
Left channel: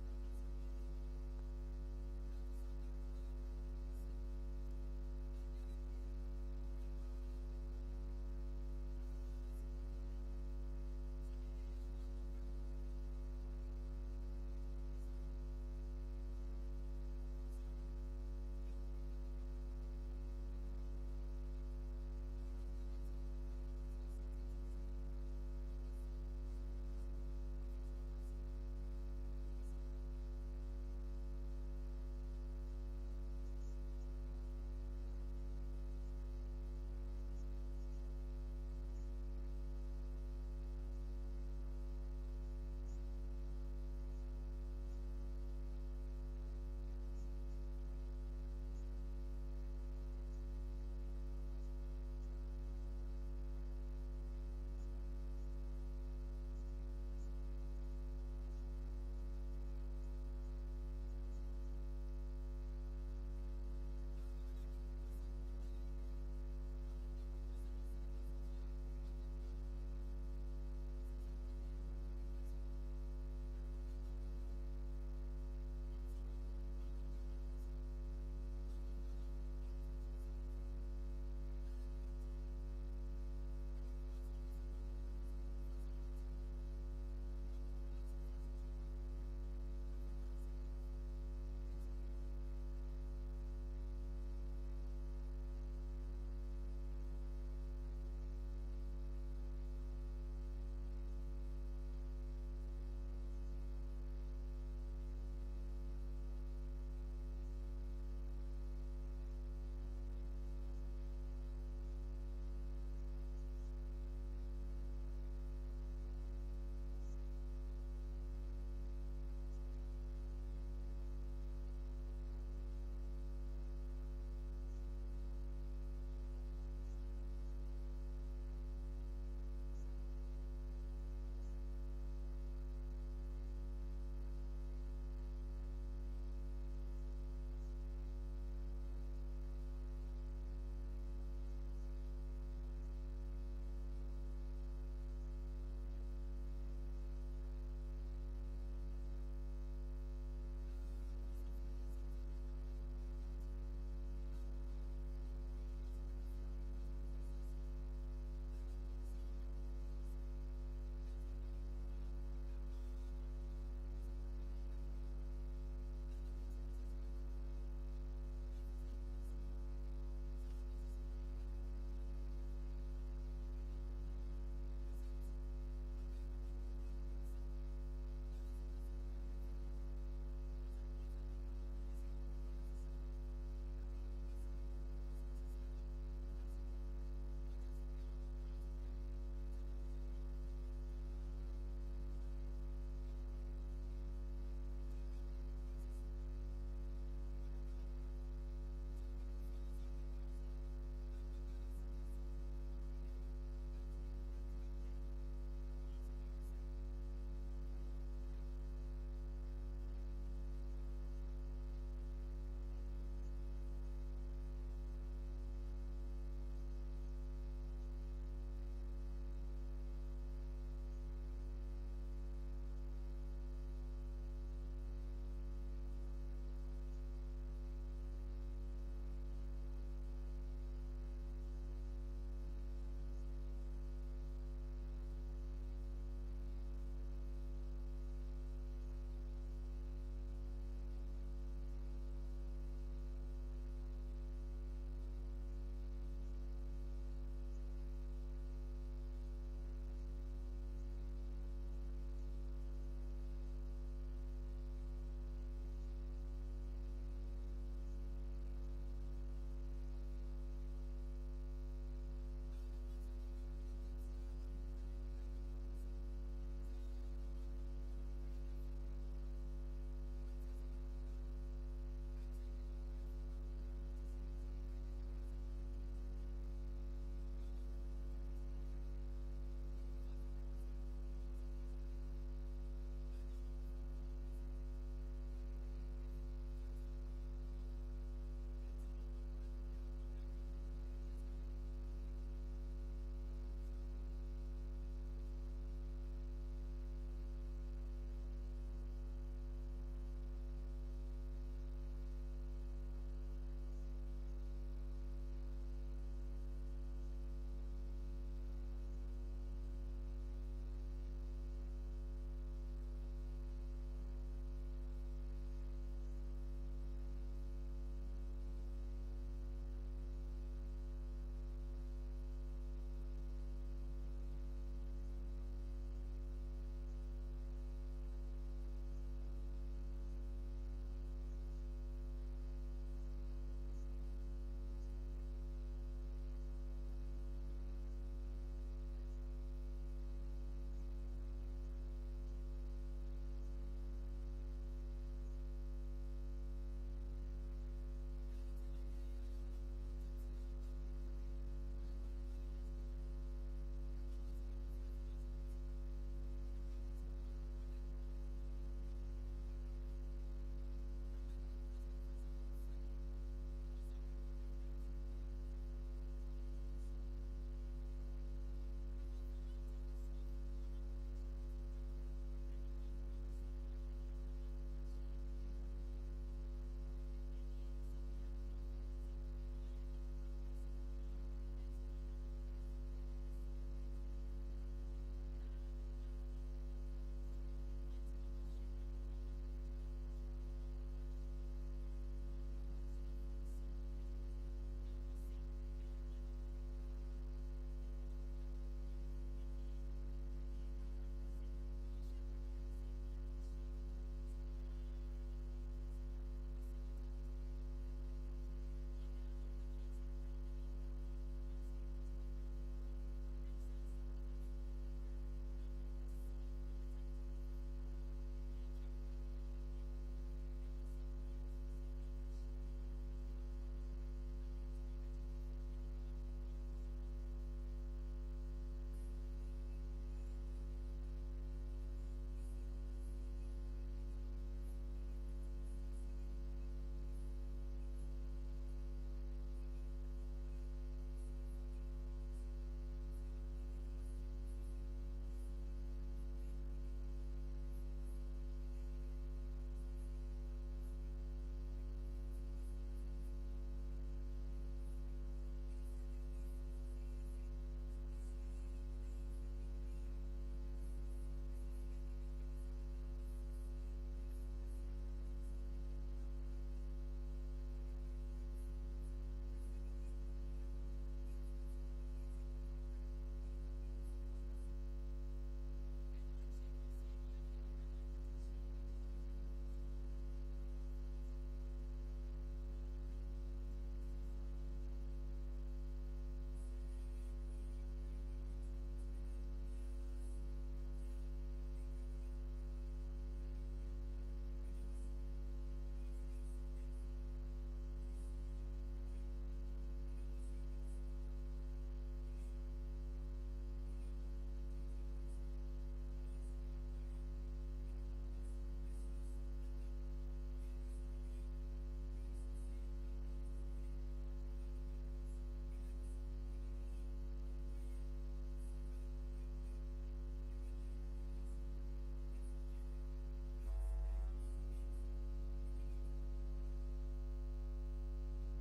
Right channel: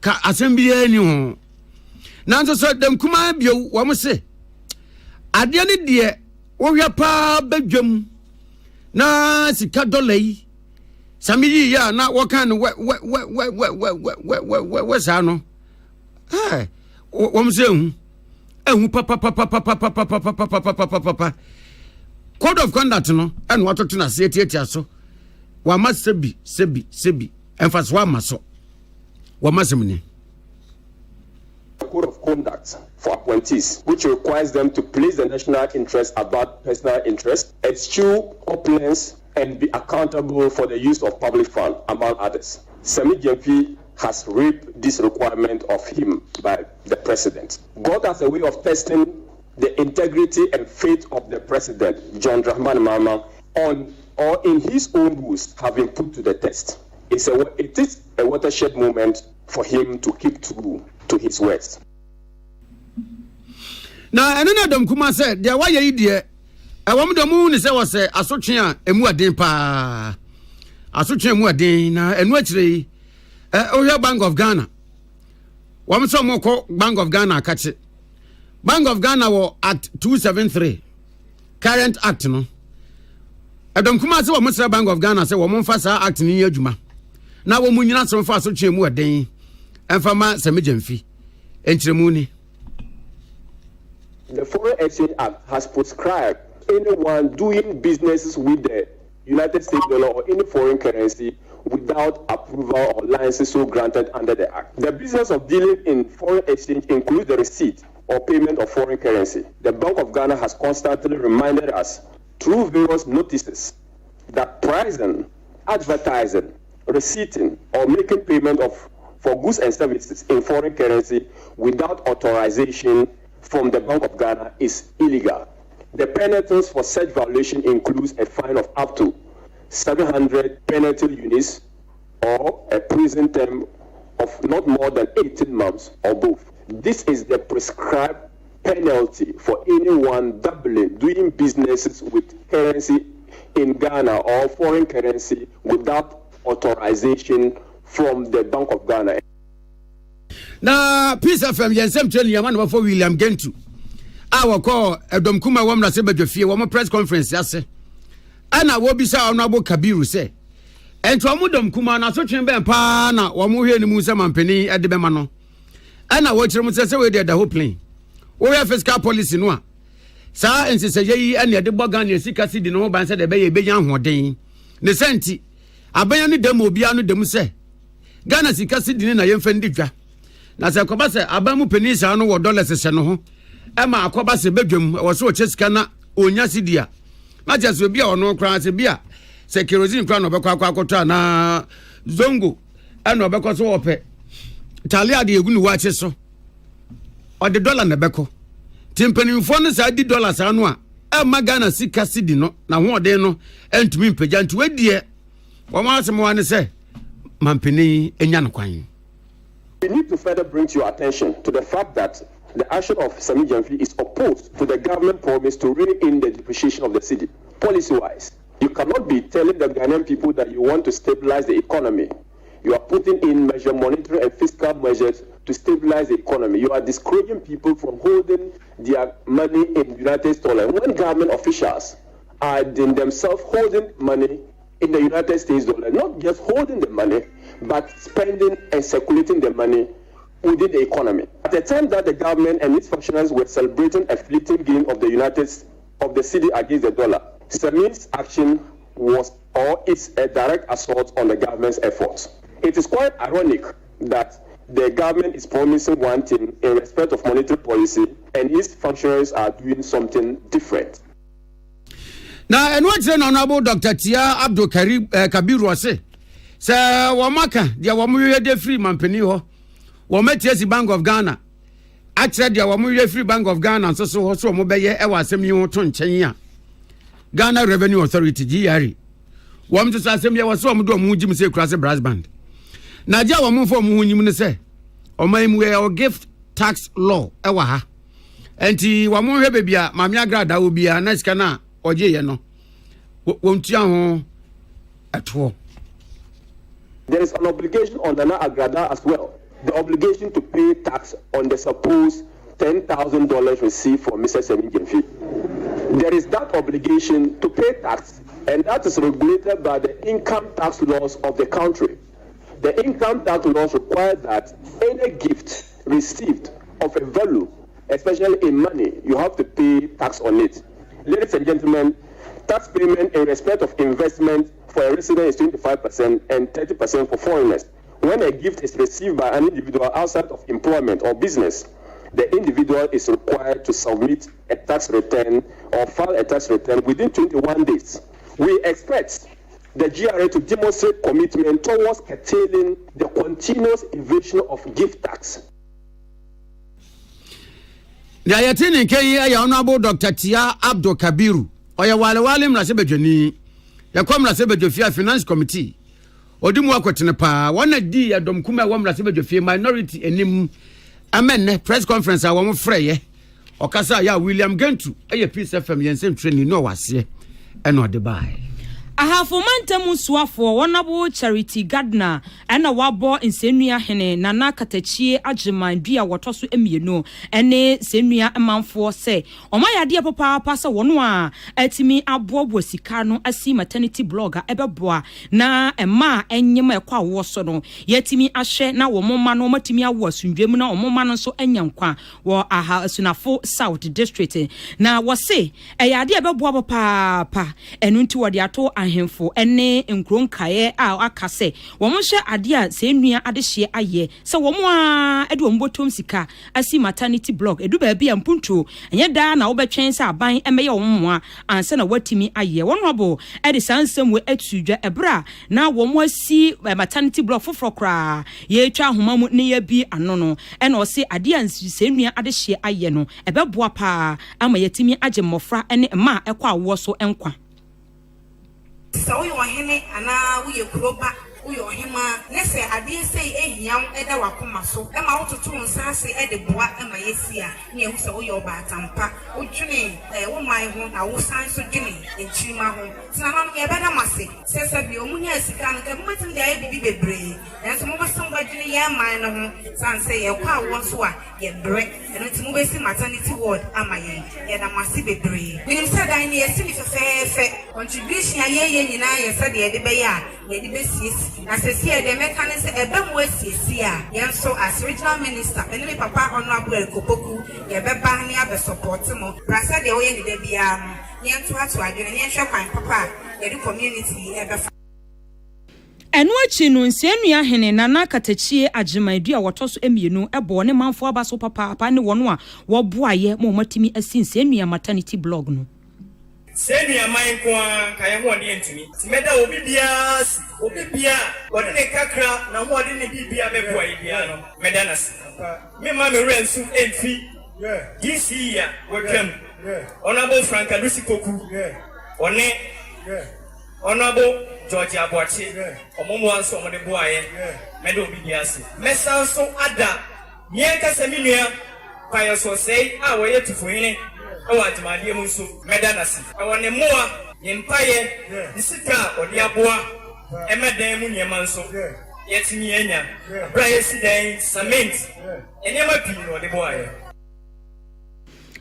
ka asem bia ni ho na nso so dem kuma bio wo mo se ade ne de wo hwe pa badwam na sika dollar yi samiyi ya na wo kan we sa no wo mo se ehu papa code of conduct no and what to na se tietia so wa ma sebi emphasize wa ma so wa ma semni code of conduct for appointees, which requires them to place the national interest above personal interest, eschew opulence, and be accountable for the use of public funds, among others. Semi Gyamfi has reaped this requirement of him by the president. God has a way of testing the integrity and faith of the president, John Dramani Mahama, on or in his own rules have been put to the test. It is a watershed moment for him to keep true to his words. Na enena dom kuma se de wa ye de awam dom ni se wo se asotwe a emu aden pa asotwe emu aden na enu akire ohwe Bank of Ghana wam so mo ko Bank of Ghana akache Bank of Ghana wo Act 273 current act no adom kuma se wo mo se Bank of Ghana se wo mo mfa sa act ni adwuma na wo mu nyina so mfa asotwe emu aden emfa ma Semi Gyamfi enchiremu ni. The Foreign Exchange Act has prescribed anyone doing businesses with the United States dollar or any foreign currency without approval or license so granted under the Act. The business of dealing in foreign exchange includes the receipt or payment of foreign currency. The Bank of Ghana has constantly reminded us through various notices that pricing, advertising, receipting, or making payment for goods and services in foreign currency without authorization from the Bank of Ghana is illegal. The penalties for such violation includes a fine of up to 700 penalty units or a prison term of not more than 18 months or both. This is the prescribed penalty for anyone doing businesses with currency in Ghana or foreign currency without authorization from the Bank of Ghana. Na Peace FM yensem training yaman before William Gentu our call Edom Kuma wam na se badwafie wam press conference yase ana wo bisa Honorable Kabiru say ento amudom Kuma na so twen ben pa na wam hwe ni mu se mampani ede be ma no ana wo kire mu se we dey the whole plane wo ya fiscal policy no a sa ensese yi ana de bogan ne sika sidi no ban se de be ye be yan hoden ne senti abanya ne dem obia no dem se Ghana sika sidi na yemfa ndi dwa na se akoba se abamu penisa no wo dollars se no ho ema akoba se bedwam wo so chesika na onya sidia ma je so bia ono kran se bia se kerosene kran no bekwa akwakoto na zongo ena obekọ so ope talia de egunu wa che so o de dollar na beko timpanimfo no sa di dollars anu a ema Ghana sika sidi no na ho de no entumi mpagya nti wedie wo ma asem wa ne se mampeni enya no kwan We need to further bring to your attention to the fact that the action of Sami Gyamfi is opposed to the government promise to rein in the depreciation of the cedi. Policy-wise, you cannot be telling the Ghanaian people that you want to stabilize the economy. You are putting in monetary and fiscal measures to stabilize the economy. You are discouraging people from holding their money in United States dollar. When government officials are in themselves holding money in the United States dollar, not just holding the money, but spending and circulating the money within the economy. At the time that the government and its functionaries were celebrating a fleeting gain of the cedi against the dollar, Sami's action was or is a direct assault on the government's efforts. It is quite ironic that the government is promising one thing in respect of monetary policy and its functionaries are doing something different. Now, and what's an honorable Dr. Tia Abdul Kabir was say, Sir Wamaka, the Wamuya Free Mampeniho, Wametiasi Bank of Ghana. I said the Wamuya Free Bank of Ghana, so Mobile Ewa Semi Ton Chenya. Ghana Revenue Authority, GRE. Wam to Sasemia was so Mujim say cross a brass band. Naja Wamu for Munim say, or my gift tax law, Ewaha. And Wamu Rebebia, Mamia Grada will be a nice cana, or Jayano. Won't you at all? There is an obligation on Nana Agrada as well. The obligation to pay tax on the supposed $10,000 received from Mr. Sami Gyamfi. There is that obligation to pay tax, and that is regulated by the income tax laws of the country. The income tax laws require that any gift received of a value, especially in money, you have to pay tax on it. Ladies and gentlemen, tax payment in respect of investment for a resident is 25% and 30% for foreigners. When a gift is received by an individual outside of employment or business, the individual is required to submit a tax return or file a tax return within 21 days. We expect the GRA to demonstrate commitment towards curtailing the continuous evasion of gift tax. The Ayatini Kay Honorable Dr. Tia Abdul Kabiru, or your Walim Rasebejani, your Comra Sebejofia Finance Committee, or Dumwakotinepa, one a D at Domkuma Wamra Sebejofia minority and him. Amen. Press conference. I want Frey or Casa ya William Gentu. A piece of FM and same training. No, was here and not the buy. I have for Mantamu Swafo, one abo charity gardener, and a wabo in Senia Hene, Nana Katachi, Ajima, Dia, Watosu Emino, and Senia Amman for say, O my idea, Papa, Passa Wanwa, Etimi Abo Sikano, a see maternity blogger, Ebeboa, na and ma, and Yama Qua Wasono, Yetimi Ashe, now or Moma no Matimia was in Gemina or Momano so Enyamqua, or Aha Sunafo South District. Now was say, a idea about Papa, and into a diato and him for any nkron kae a akase wo mo hye ade a se nua ade hye aye se wo mo a edu mbotom sika asi maternity block edu ba bia mpuntu enye da na wo betwen se aban emeye wo mo a anse na watimi aye wo no bo e de sansem we atudwa ebra na wo mo asi maternity block foforo kra ye atwa homa mu ne ya bi ano no e na o se ade a se nua ade hye aye no ebeboa pa ama yetimi age mmofra ene ma ekwa wo so enkwa. So you are hene ana we kuroba we are hima nese ade say ehiam eda wakoma so e ma wototo nsa ase e de boa e ma yesia ne ehu se wo yo ba atampa wo dwene wo man ho na wo san so dwene enchima ho tina no ye beda mase sese bi omunya asika no ke mmatim de aye bibi bebre enso mo basom ba dwene ye man no ho san say ye kwa wo so a ye bre eno ti mo be si maternity ward ama ye da mase bebre minim say dan ne yesi ni fefe contribution ye nyina ye say de de be ya ye de be siesi na se sie de mechanics ebe mo siesi a ye so as regional minister ene papa honorable Kopoku ye be ba ne abe support mo brasa de wo ye de bia ye nto ato adwene ye hwe kwan papa ye de community ebe enu achi no nsianua hene Nana Katachie Ajimaidu a wotoso emienu ebo ne manfo abaso papa ne wono a wo boaye mo matimi asi nsianua maternity blog no Senior mind kwa kaya ho de ntimi timeda obi bia wode ne kakra na ho de ne bibia beboa bia no medanas me ma me rensu emfi this year welcome honorable Frank Alusi Koku one honorable George Aborti, Omomo so on the boy, Meadow Bidiasi. Messanso Ada, Nianca Seminia, Pio so say, I wait to win. I want my dear Musu, Medanasi. I want a more empire, the Sita or the Abua, Emma Demunia Manso, yet Miena, Brian Sidan, Cement, and Emma Pino or the boy.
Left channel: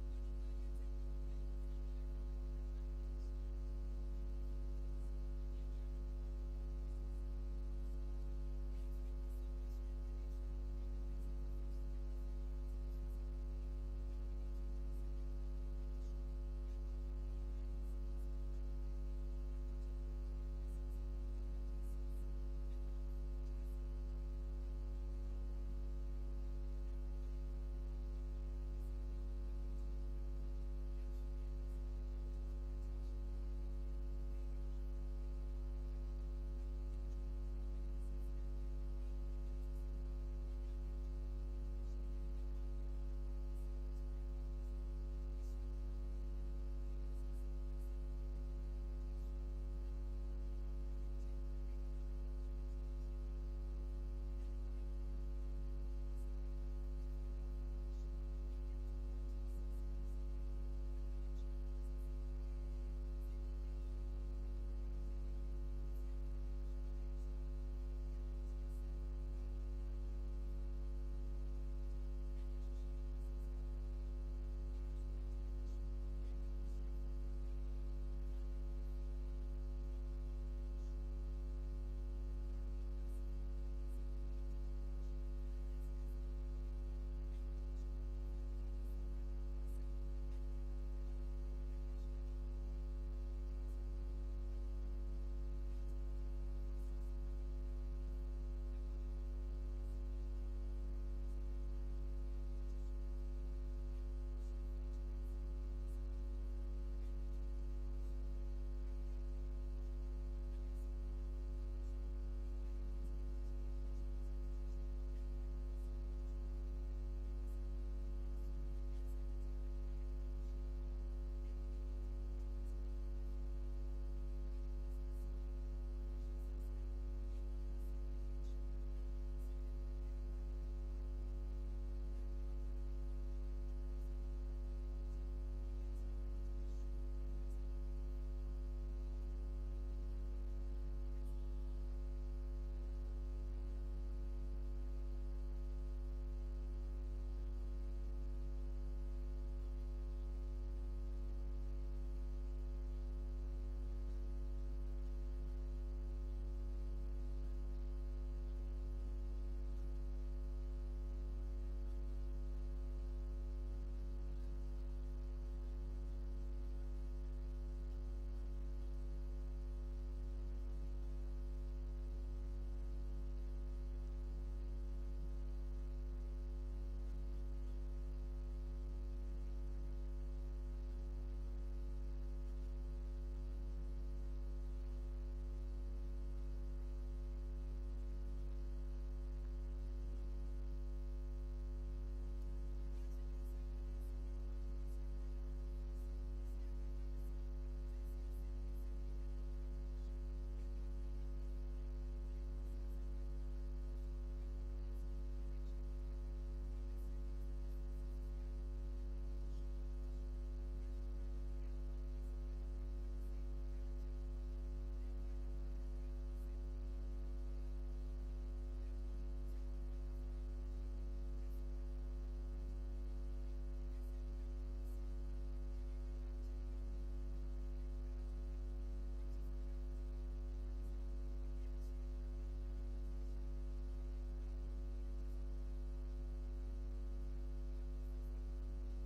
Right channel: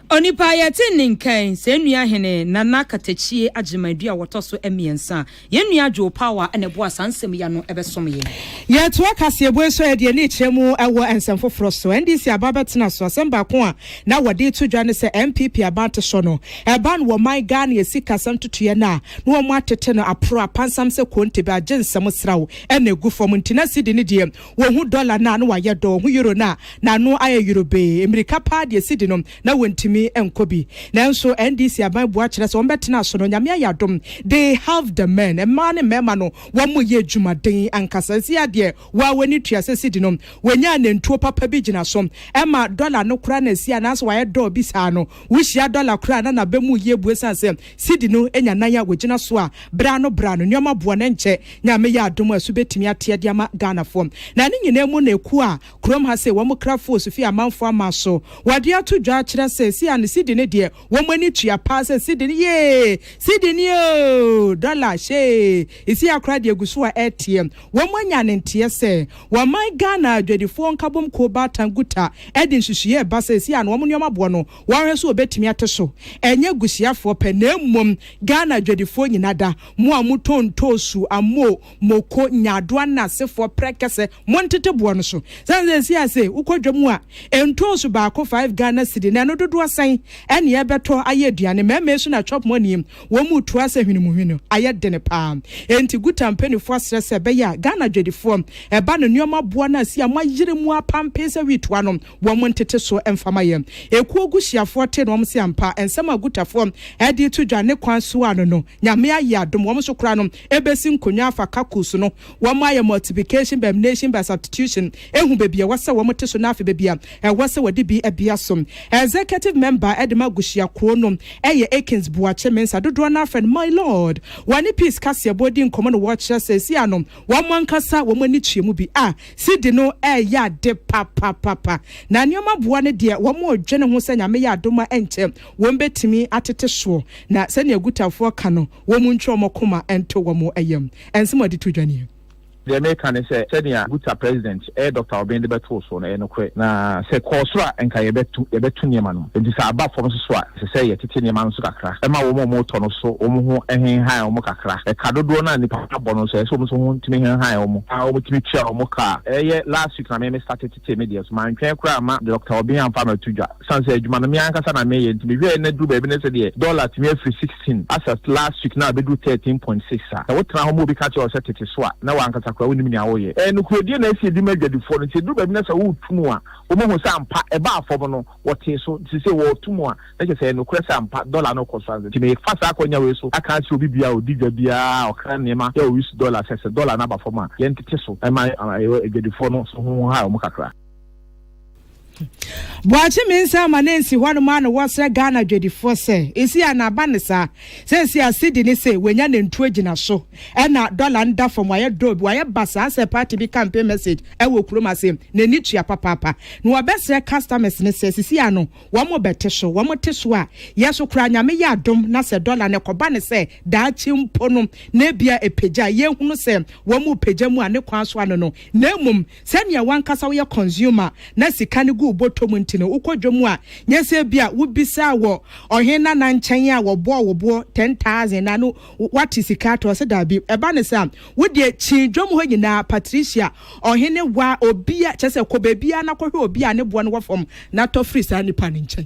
Onipa yɛte nkan sɛ nua hene nana katachie agyemadu a wɔtɔ so emiensa yɛnua dwo power ɛna bo asansɛm ya no ɛbɛsom yɛ yɛto akasiebo so yɛde ne kyerɛmu ɛwɔ ensɛm foforo so ndc ababɛtena so asɛm baako a na wɔde to dwa ne sɛ MPP abante so no ɛba no wɔ man Ghana yɛsi kasɛm totoyɛ na no wɔn atete no apro apansam sɛ konte ba agensɛm srawo ɛna egu fam ntina sidi ne deɛ wɔn hu dollar na no wayɛ dɔ hu euro na no ayɛ euro be emirika pa deɛ sidi no na wɔntimi enkobi nanso NDC aban boa kyerɛ sɛ wɔn bɛtena so no nyame ayadom they have the men ɛma ne mɛma no wɔn mo yɛ dwumaden ankasa si adeɛ wa wani tua sɛ sidi no wɔnya nantuo papa bi gyina so ɛma dollar no kura na si anaso wayɛ dɔ bi saa no wuhyia dollar kura na bɛmu yɛ bue san sɛ sidi no enya nan ya wɔgyina so a bra no nneɛma boa ne nkyɛ nyame yɛ adom asu betumi ateɛ de ama Ghana fom na ne nyina mu na eku a krom ha sɛ wɔn kra fo so fi amanfo ama so wɔde ato dwa kyerɛ sɛ si an sidi ne deɛ wɔn ani tua pa sɛ sidi ne ye sidi ne o dollar she isi akra de gusu a ATM wɔn anya ne nteɛ sɛ wɔn man Ghana adwadifo nkabom ko batanguta ɛde nhyehyɛ ba sɛ si an wɔn nneɛma boɔ no wɔn so obetumi ate so ɛnyɛ gusiafoɔ pɛ na mmom Ghana adwadifo nyinada mo a mo tontosu amo moko nyadoa na sefoɔ prekese mo ntete boɔ no so sɛ si ase ukɔdwam a entosu baako 5 Ghana cedi na no dodo asan ɛne ɛbɛtɔ ayɛ aduane mɛmɛ so na chop money wɔn mu to asa hwinimuhwino ayɛ dene paa enti guta mpanifo asrɛ sɛ bɛyɛ a Ghana dwedifoɔ ɛba no nneɛma boa na si a moayere mu apampe sɛ witoa no wɔn ntete so ɛmfama yɛ ekuo guhyiafoɔ te no wɔn si ampa ensɛm agutafoɔ ɛde to dwa ne kwan so ano no nyame ayɛ adom wɔn so kora no ebesi nkonwa afa kakus no wɔn ayɛ multiplication by elimination by substitution ehu bebi a wɔsɛ wɔn te so na afa bebi a ɛwɔ sɛ wɔde bi abia som executive member Edema Gushia Kronom, Akins Buache Mensa, Dodwana friend, my lord. Wani peace Cassia body in common watcher says, Yanum, one cassa, woman nichi mubi, Sidino, ya de papa. Nanyama Buane dear, one more general Senya Mea Doma enter, one bet to me at a show. Na send your good for cano, woman chomo kuma and to one more ayam, and somebody to join you. The American say senior good president Dr. Obende beto so na enokwe na say kosra enka yebetu niema no enti sa aba fom so a say yetete niema no so kakra e ma wo mo to no so wo ho ehen han wo kakra e ka dodo na nipa abo no so so ho ntimi hen han wo a wo timi tua wo ka ye last week na me started to media so man twen kra ma Dr. Obende amfa ma tudwa san say adwuma no me ankasa na me ye ntimi we na du ba bi ne say de dollar timi afri 16 as last week na be do 13.6 a wo tra ho mo bi ka che o say tete so a na wa ankasa kwa woni mi awoye no krodie na esi di madwadifo no ti du ba bi na sa wo tumu a wo mo sa ampa e ba afom no wote so ti se wo tumu a na je say no kura sa ampa dollar no koso anze ti me fa sa akonya we so aka chi obi bia odi dwa bia okra nema ya o use dollar se dollar na ba fom a ye ntete so e ma edwadifo no so ho ha o mo kakra Boachi minsa manensi hwanu mano wasra Ghana dwedifo se esi anaba ne sa se si asidi ne se wenya ne ntu agina so e na dollar nda from waye dob waye basa se party bi campaign message e wo kuroma se ne ni tua papa no obesre customers ne se si ano wo mo bete so wo mo te so a yeso kura nyame ya adom na se dollar ne koba ne se daachi mpono na bia epeja ye hunu se wo mo peja mu ane kwan so ano no na mum se ne wankasa wo ye consumer na sika ne botom ntino ukodwom a nyese bia wubisa wo ohena na nkyɛn a wo bo 10,000 na no what is ikato se da bi eba ne sam wode chidwom ho nyina Patricia ohene wa obia kyese ko bebia na kɔhwe obia ne bo no wofom na to free sa nipa ne nkyɛn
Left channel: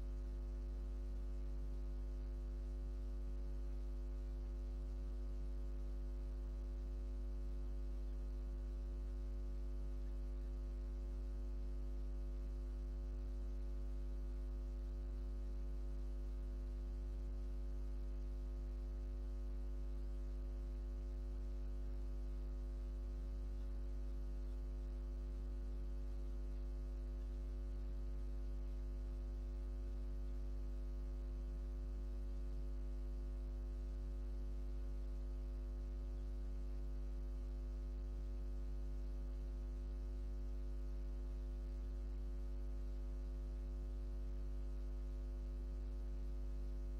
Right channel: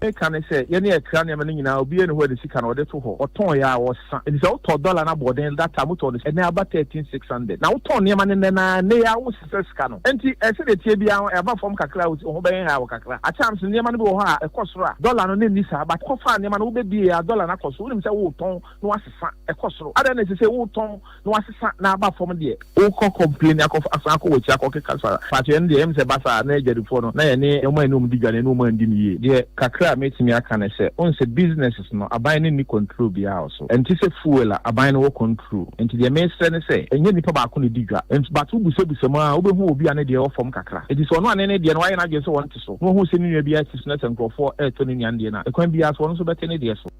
e kan say ye ne ekra ne mane nyina obi ne ho de sika na ode to ho oton ya wo sa e say oton dollar na boden that time to ne na aba 13,600 na oton ne mane na ne ya wo sika no enti e se de tie bia e ba fom kakra ho ben ha wo kakra a chance ne mane bi wo ha e kosoro a dollar no ne ni sa ba ko fa ne mane wo be bi a dollar na kosoro nim say wo ton no asesa e kosoro ada na say wo ton no asesa na aba fom de wo ko complain akọ asan akọ wo chi akọ keka sa fa tie ne de em say basa na ejadifo no na ye ne e mo enum di dwane no mo andi ni ye de kakra a metimi aka ne say on say businesses no aban ne ni control bia also enti say fuel a aban no control enti de me say say enye nipa ba ko ne digwa enti but ubusebusa ma obehu obi ane de ofom kakra enti so no ane ne de no aye na dwe so won te so no hu se ni nua bia tis na sankrofo to ne nua de na ekwan bia so no so bete ne de so.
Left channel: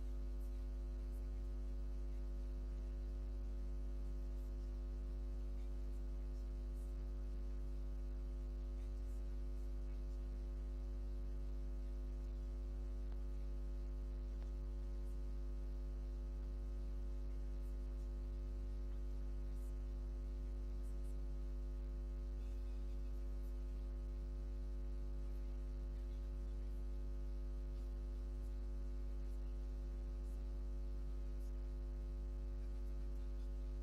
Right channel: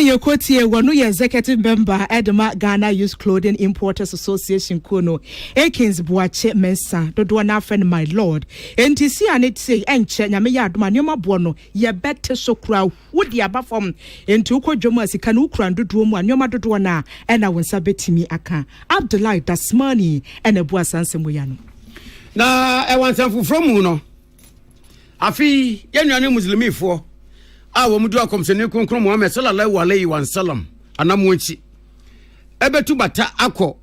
Yokotie wonu ye executive member Edema Ghana Youth Clothing Importers Association Kono Akins Boache Mensa dodo na friend my lord enti si ane say enche nyame ya adoma nyoma bo no ye bete so kura wodi aba fom enti ukodwomu asika na ukura dodo mu anyoma dodo na ena wonsa betimi aka Abdullahi Dasmani ena bu asansem ya no na e wansan fufro mu no afi ye nuane muslimifo a wo mudu akomsene konkron Muhammad sallallahu alaihi wasallam anamonchi ebetu bata akọ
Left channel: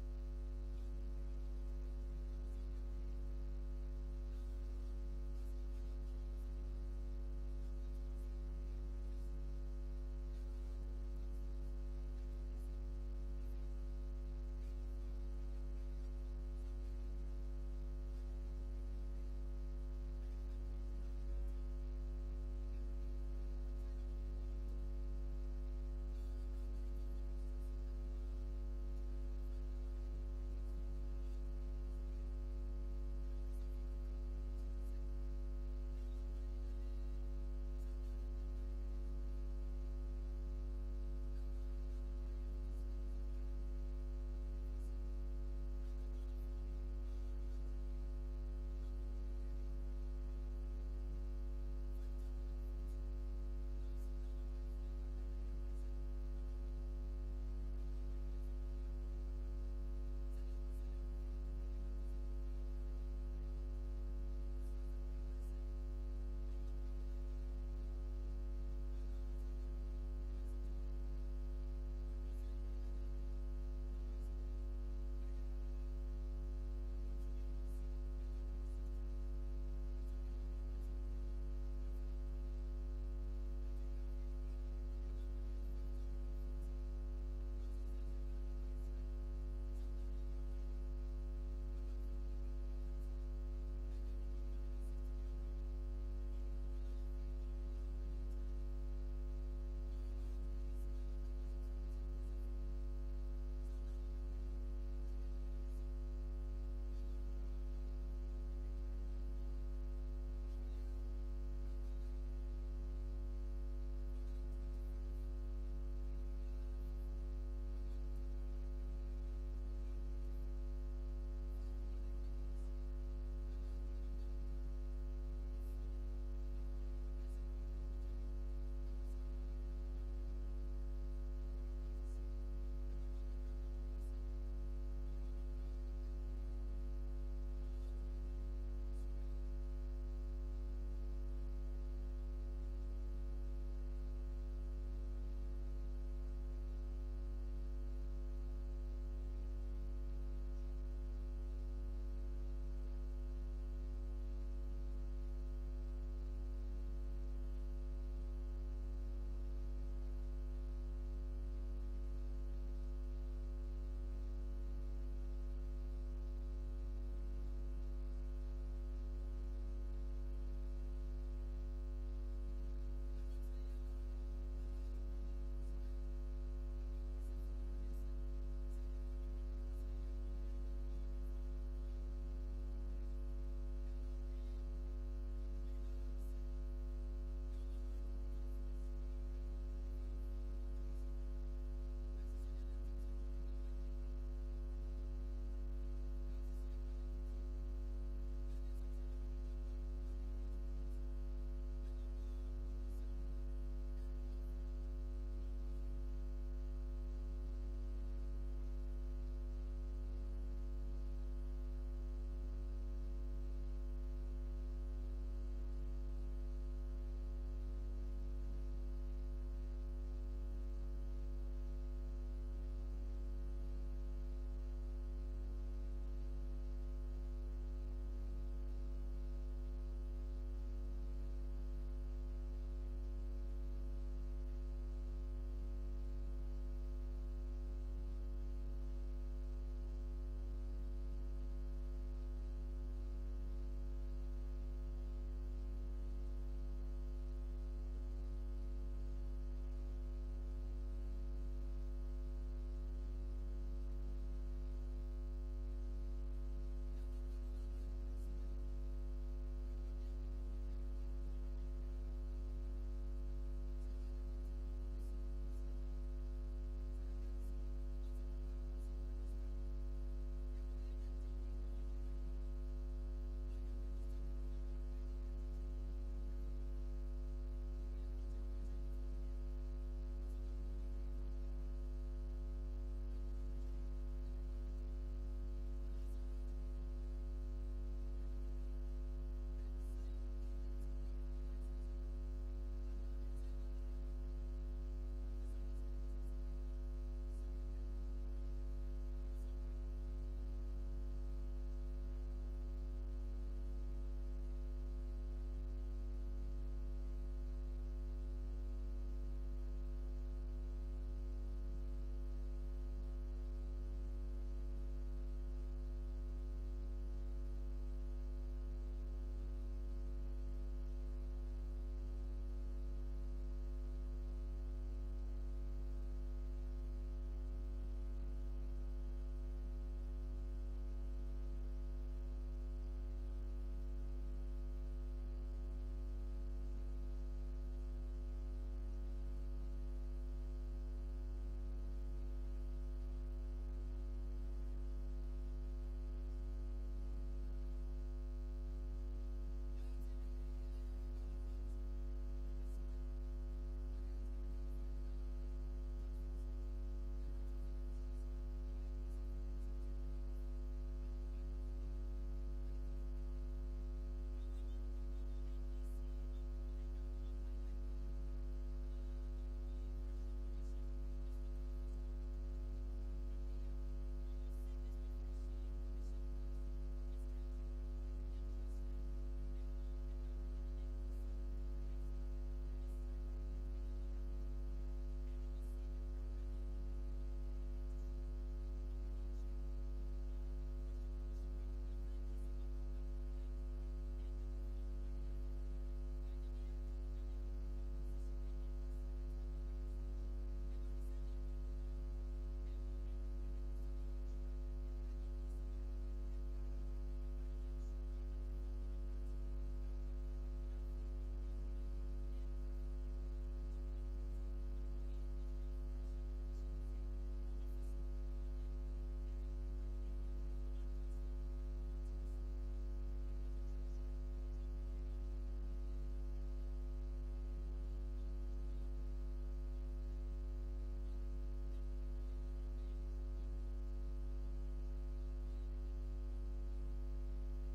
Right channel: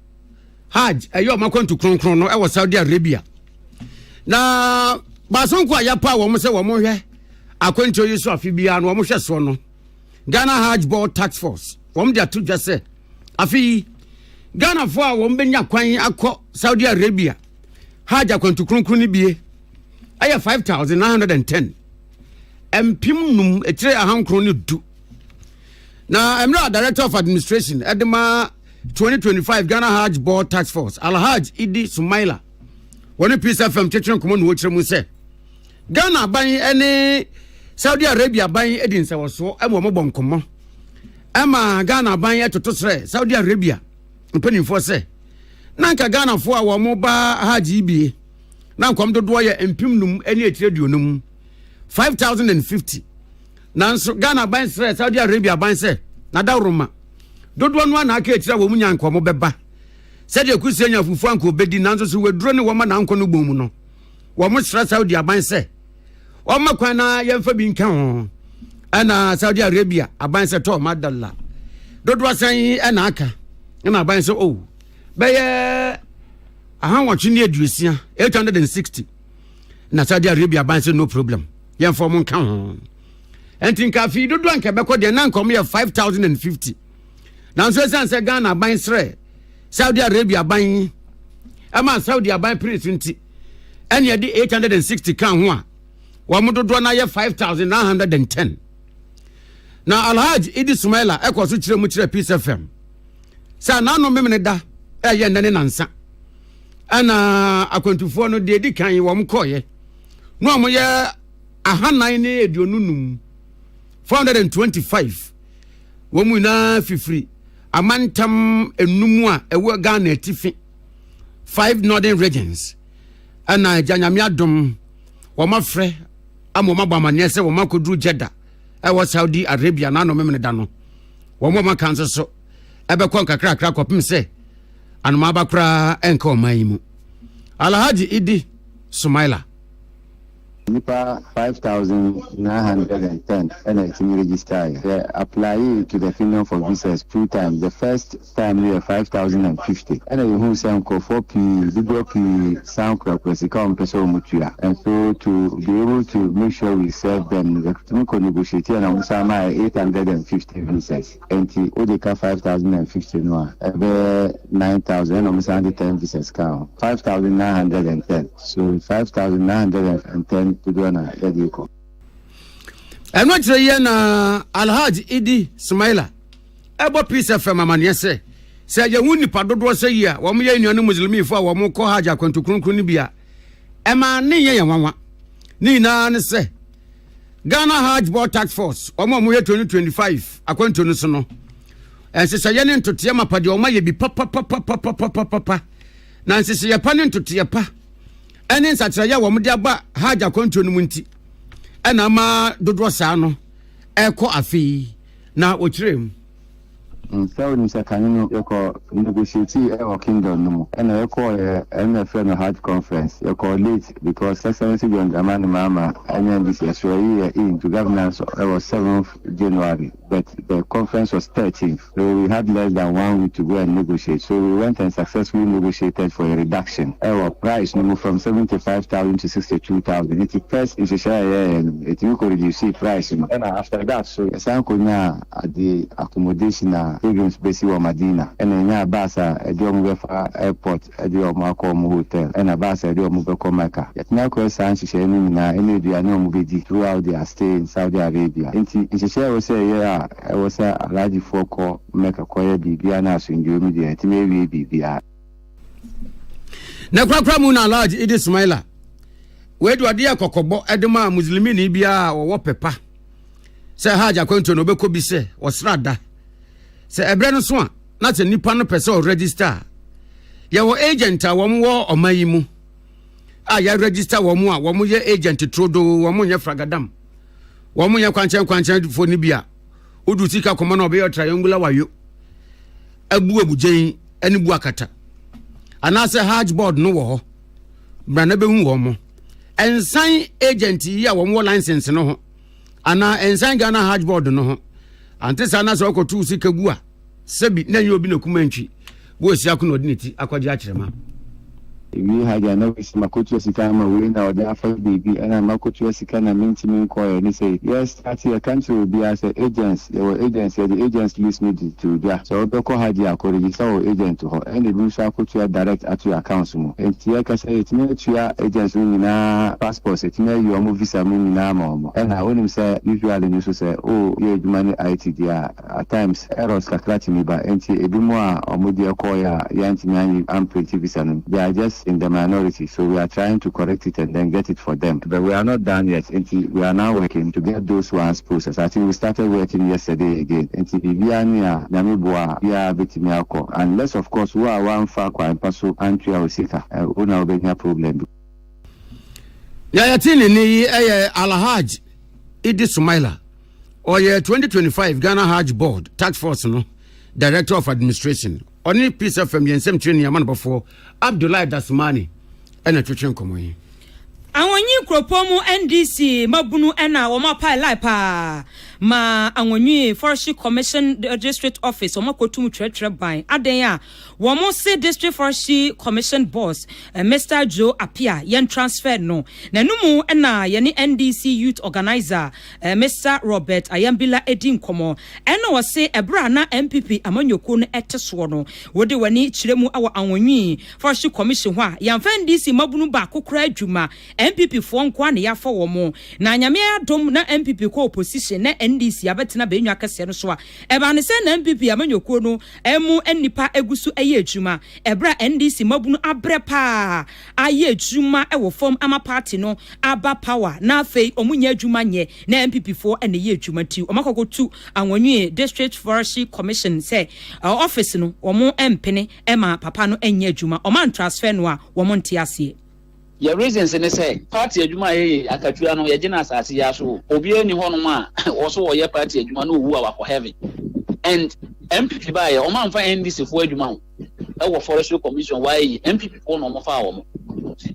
Hajj eyo makwantu konkron no e wo Saudi Arabia na basonko ayapa wo mo se wo mo hwe akwantu yiso afi bia no wo mo hwe so no Ghana Hajj Board Task Force wo mo dia to dwese afi Ghana fo a wo mbenya kwan akọ Saudi Arabia Hajj akwantu konkron ni bie aya 5910 empim num etire ahankron ne du na emra director of administration edema 2025 Ghana Hajj Board Task Force Alhaj Idi Sumaila woni Peace FM chetren komo no kire mu se Ghana ban ene Saudi Arabia ban edin se woso emo mo bonkomo ema Ghana ban etotosre Saudi Arabia mpanimfo se nanka Ghana fo a wo mo ba Hajj ibie na nkom dodo ye empim num ene etire duonum 5050 nanso Ghana ban sre Saudi Arabia ban se na da roma dodo no na aka etira wo munya nkomo beba se de kusenya fufu anko bedi nanso so weduro ne wo ma na nko no bomu no wo mo sre Saudi ban se o ma kwan na yemfa bi nka ho ana Saudi Arabia aban se to madalla dodo san na aka na aban se o be ye aha watwe ne aduosia 860 na Saudi Arabia ban se no problem yen for mon kan entin ka fi dodo anka beko de na nkom ye 5050 na so san se Ghana ban sre Saudi Arabia ban ama Saudi ban prince nti ene de 860 kan ho a wa mo dodo na ye 5910 na Alhaji Idi Sumaila ekoso kire mu kire Peace FM sa na no memene da ye nane nansa ana akwantufo no de di kan wo mkoye no mo ye ahanan ne edionunum 425 wo mu na fifiri amantam enumu a ewo Ghana atifi 5 northern regions ana janyame adom wo mafre amo mabamane se wo makodru Jeddah ewo Saudi Arabia na no memene da no wo mo makanse so ebekon kakra kopim se anoma bakra enka omayimu Alhaji Idi Sumaila Nipa 5,910 and it's registered. They apply to the Kingdom for visas 2 times. The first time we are 5,050. And then who say uncle 4P, video P, sound crop, and so to be able to make sure we serve them, the clinical negotiator and Usama 850 visas. And the Odeka 5,050 no, 9,000 almost 10 visas count. 5,910. So 5,910. Tudwana yadiko eno kire ye na Alhaji Idi Sumaila ebo Peace FM amane se ye wuni padodo se yi a wo mo ye nuanu muslimifo a wo mo ko Hajj akwantu kronkron ni bia e ma ne ye yanwa ni na ne se Ghana Hajj Board Task Force o mo ye 2025 akwantu no so no se ye ne ntote mapade o ma ye bi papa na se ye pa ne ntote pa ene nsatira ya wo mde aba Hajj akwantu no munti ena ma dodo saa no eko afi na okirem so ni sakanino yako negotiate e kingdom no ena yako MFN no Hajj conference yako late because Excellency John Dramani Mahama and this year into governance was 7th January but the conference was 13th. So we had less than 1 week to go and negotiate. So we went and successfully negotiated for a reduction. Our price moved from 75,000 to 62,000. It's the first in and it will reduce the price. And after that, so at the accommodation pilgrims basi wa Madina. And then Basa at the airport at the Omako hotel. And Abasa at the Omubeko Mecca. Yet now question any movie throughout their stay in Saudi Arabia. In share was a I was a large foco make a quiet BBNAS in your media. It may be BBR. Na kwakwa mu na large it is smiler. We do adia kokobo edema muslimi ni bia wo pepa. Se Hajj akwanto no beko bi se osrada. Se ebre no so a na te nipa no pese o register. Ye wo agent a wo mo omayi mu. A ya register wo mo a wo mo ye agent trodo wo mo nye fragadam. Wo mo nye kwanchan fo ni bia. Odu sika koma na obe triangular wayo. Abujen eni bu akata. Anase Hajj board no wo. Bra na be hu wo mo. Ensign agent yi a wo mo license no ho. Ana ensign Ghana Hajj board no ho. Ante sana so ko tu sika gu a. Sebi na ye obi na kumantwi. Bo sia ko no odiniti akwaje a kirema. We had a novice Makutu Sikama win or the Alpha BB and a Makutu Sikana Mintimin Coy and he said, yes, that's your country will be as agents. There were agents, the agents list me to that. So Boko had your agent to her and the Lusa put your direct at your council. And Tiaka said, it may your agents in passports, it may your movie in mom. And I want him say, usually you say, oh, you money IT there at times errors calculating me by NT Ebimoa or Mudia Koya, Yantimani, and Pretty Visan. They are just in the minority, so we are trying to correct it and then get it for them. But we are not done yet. We are now working to get those ones processed. I think we started working yesterday again. Unless, of course, we are one far and paso and Sika. We now be a problem. Yayatini ni Al-Hajj Idi Sumaila or 2025 Ghana Hajj Board Task Force no Director of Administration. Only piece of yensem training yaman before Abdullah Dasmani and a twitching common. Awonyi kropomu NDC mabunu ena wo mapa laipa ma awonyi Forestry Commission District Office wo makotum tretre ban aden a wo mo se District Forestry Commission boss Mr. Joe Apia yen transfer no na numu ena ye NDC youth organizer Mr. Robert Ayambila Edin komo ena wo se ebra na MPP amanyoko no eteso no wo de wani kiremu awo awonyi Forestry Commission ho a yamfa NDC mabunu ba kokora adwuma MPP fo nkwa na yafa wo mo na nyame adom na MPP ko opposition na NDC abetena benyu akase no so a eba ne se na MPP amanyoko no emu enipa egusu eye adwuma ebra NDC mabunu abre pa aye adwuma ewo form ama party no aba power na afei omunya adwuma nye na MPP fo ene ye adwuma ti omakokotu anwonwe District Forestry Commission say office no omo empene ema papa no enye adwuma oman transfer no a wo monte ase. Your reasons in say party adwuma akatua no ye gina asase ya so obi ani hono ma also ye party adwuma no wu a heaven and MPP ba ye o man fa NDC fo adwuma ho e wo Forestry Commission why MPP fo no mo fa wo mo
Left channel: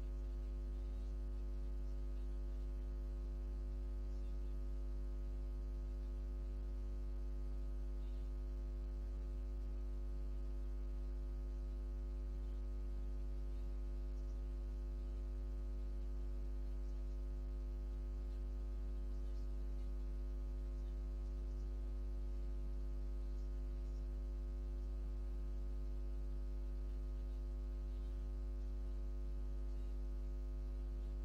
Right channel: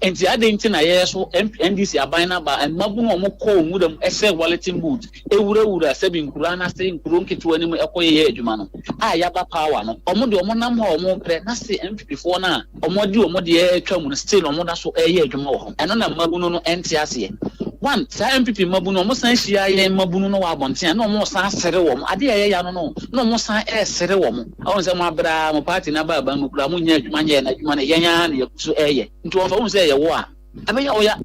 enti adenti na ye so NDC aban na ba and mabu no mo call mu dem ese walleting boot ewura sebi nkura na se nkuro nketu ani mu ekoye adwuma no a ya ba power no omo de omo nam ho omo pre na se MPP fo na omo de atwa mu no still omo da so eye adwuma wo ho eno na mabu no enti ase one sa MPP mabu no mo san hia ye mabu no wa bonten na omo san sere wo mo ade ye ya no mo san sere wo mo awon se mo abra mo party na ba mu kura mo nya adwuma nye na adwuma na yenya na so eye nti wo fa wo se ye wo a abe ya wo ya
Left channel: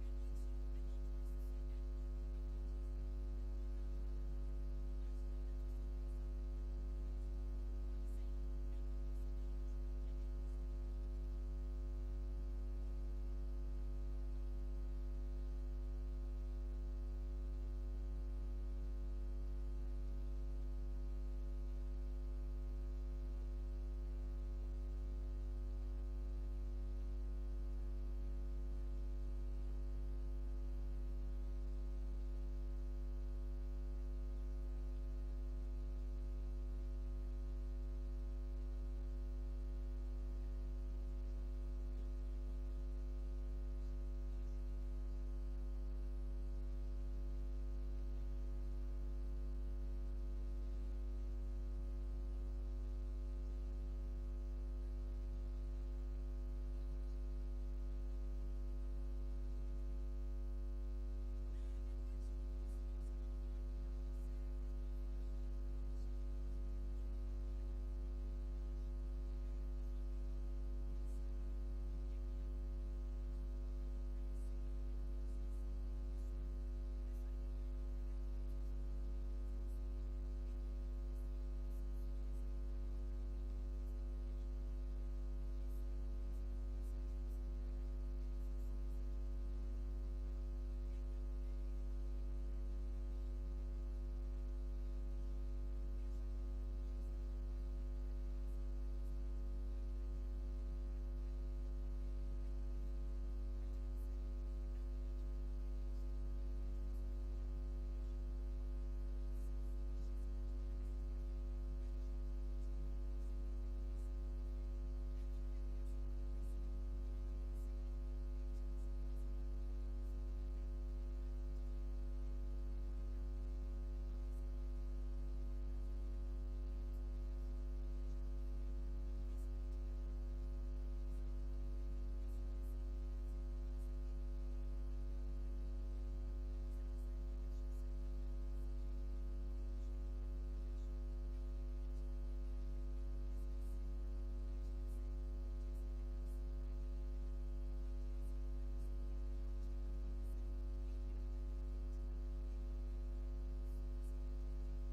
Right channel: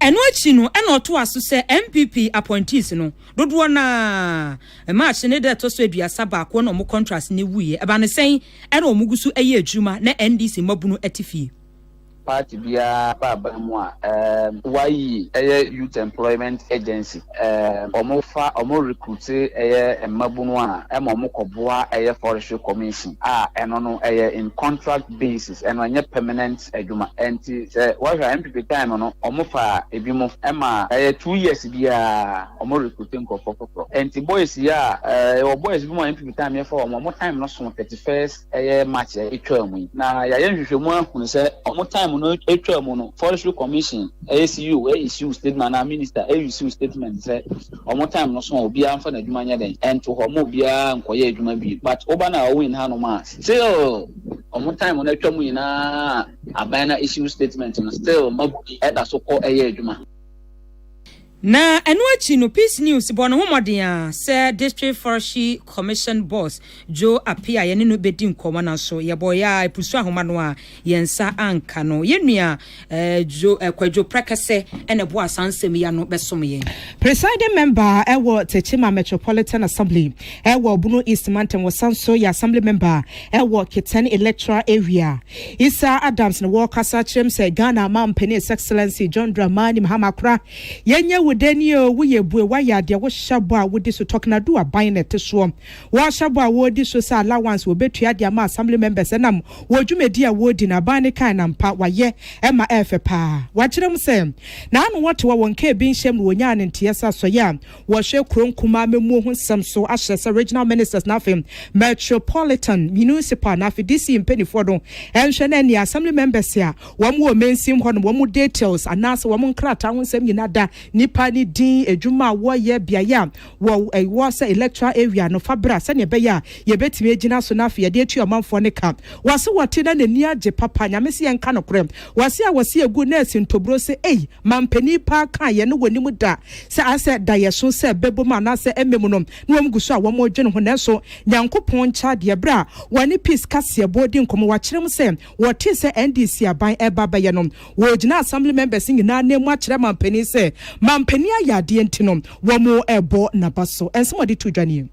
eno achi no eno to aso se MPP appointees no dodo na match ne de to so aduasa ba ko na mo contract ne wuye eba ne sen eno mo gusu eye adwuma na NDC mabunu atifie party bia baba mu a why youth employment agency omo recruit mabunu a omo koboa Forestry Commission eno no in contract basis eno anya permanent adwuma enti what MPP time no omo fa ebimo ema 2 years bia omo recruiting kokokoko enti boys ya boys bi mo MPP time ya for omo time no so 31st March etwa mu na ya yenhwehwemu ahunu se omo time time no etwa no forestry commission ACU issue statement na minister issue statement say omo time no so obi amfa na adwuma nya den and to homo obi a nkoye adwuma bi but oba na win ha no ma still omo time no etwa mu ina abana issue statement no still mabuki eda so ko adwuma. Na enuachi no Peace News bono homoden say District Forestry Commission boss Joe Apia ye ne no bedi nkoma na so ye boya epusu ahoma no a yensa anka no yenua Joe Kwadwo Prekese ene bo asansem ya no besom ye. Presiding member ewo Techima Metropolitan Assembly ewo Bunu East Mountain wasanso ya assembly member ewo Keten electoral area Isa Adams no Walker Chem say Ghana Mampeni His Excellency John Dramani Mahamakra yenye Denio we bue waya de wo shabo a wodi so talking do aban net so wo shabo a wodi so say allowance wo betua de ama assembly members enam wo dwumedi a wodi na ban kan na mpa waye ema efe pa wa kirem say na anu wote wo wonka bi nhyem wo nya ne ntiesa so ya wo hwe kronkuma memu ho nsem so ahye regional ministers na fem metropolitan municipal na fidisi mpenifo do enhwe na ni assembly members ya wo mo mensim ho no wo mo details anase wo mo nkrata ho nsem nyina da nipa ni din edwuma wo ye biaya wo say electoral area no fabra se ne be ya ye betime agina so na afia de atu amanfo ne ka wase wote na nani age papa nyamese ye nka no krem wase a wase egu na asintobro se mampani pa ka ye no woni mu da se ase da ye so se bebo ma na se ememu no no wom guso a wo mo dwene ho na so nyankopon cha de bra wani peace kase bodi nkomo wa kirem se wote se NDC aban eba ba ye no wo gina assembly members nyina na mu a kire mampani se mampani ayade ntino wo mo ebo na baso ensomodi to dwane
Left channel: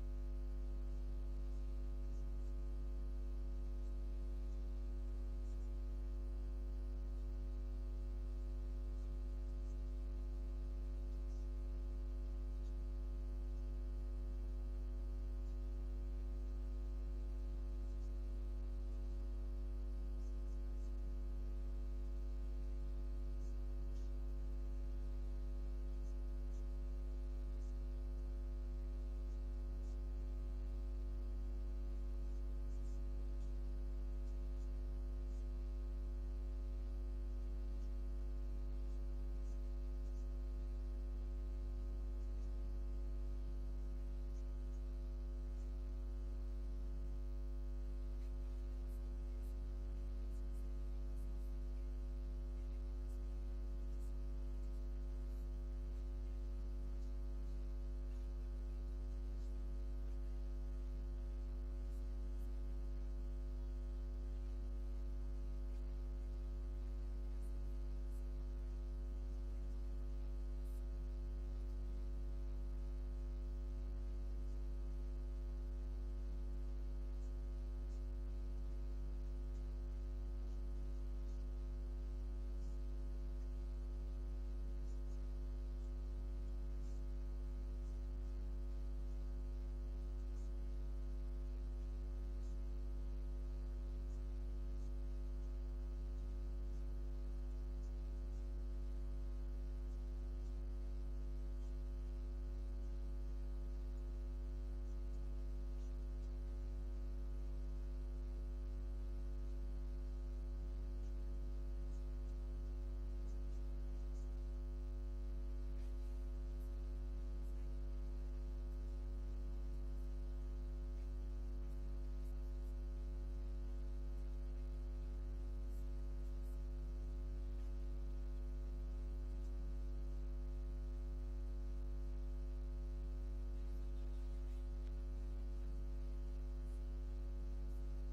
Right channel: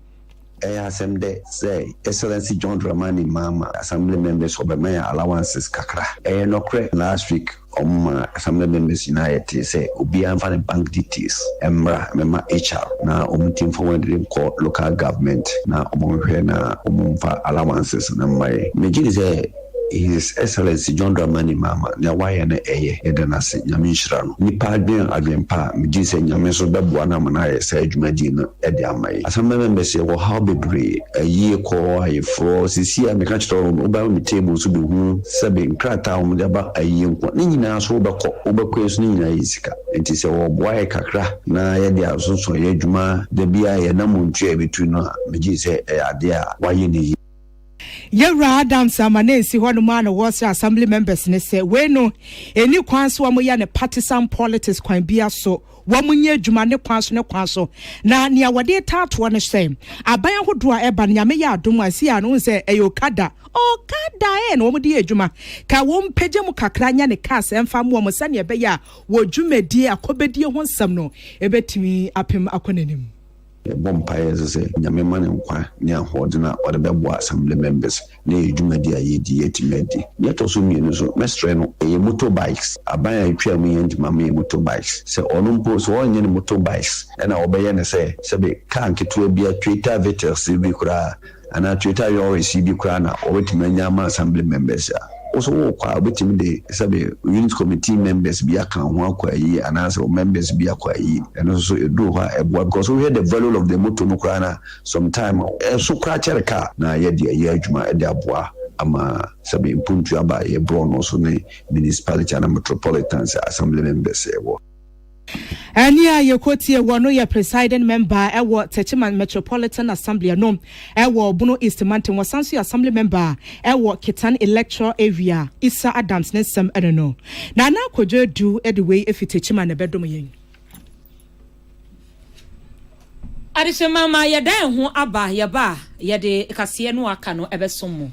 asem de say Excellency John Dramani Mama assembly members obemaya allowances kakra nokre last week assembly members united say obi amfa bank details emra mema HR na omutim forward call local government na omonhwe na omumfa allowances na mai megiri say His Excellency John Dramani Mama na why na edanase nyamishra no nipa adwempa megi se nyame so beboa na mana se adwumadi no ede amai asamba members wo how bebre ayi ko ayefro sisi a meka chiro no ba mi table so be hu sebe nkrata wo de ba ayi nko ni nyina so obekọ eso ni nyina yisika enti se wo boa kakra na ye de asoso ye adwuma de bia ye na montu e betu no megi se ade a waye ni Yera Adams amanesi hono ma na was assembly members ne say we no eni kwan so mo ya ne partisan politics kwan bia so wo munye adwuma ne kwan so na nia wode tato ne say aban ahodo a eba nyame ya adom asi anu say eyokada na wo de adwuma ka wo mpege mu kakra nya ne cars emfa mo mo sane ebe ya wo dwumadi akobedie ho nsam no ebetimi apem akonanim Bompire say nyame man nkwa ne ahode na ode bebo assembly members na edwumadi ayedi yetimedi yet also mienu so mestre no motorbikes aban atwa mu yenti mama motorbikes se ono mpo so onye ne motorbikes na obeye ne se be kan keto bia Twitter veters bi kura ana Twitter yo receive kura na obetime nyama assembly members also kwa obetime de sabe unit committee members bi aka ho akwa yi anase members bi akwa yi and also edu ha ebo because we hear the value of the motor no kura na sometime so kura chereka na ye de ye adwuma e de aboa ama sabe impuntu aba ye bro no so ne municipality and metropolitan assembly members ewo Ania yekotie wono ye presiding member ewo Techima Metropolitan Assembly no ewo Bunu East Mountain wasanso assembly member ewo Kitan electoral area Isa Adams nesem eno na na kodwo du edway efi Techima ne bedom yen Adise mama yedan ho aba yeba yede kase no aka no ebesom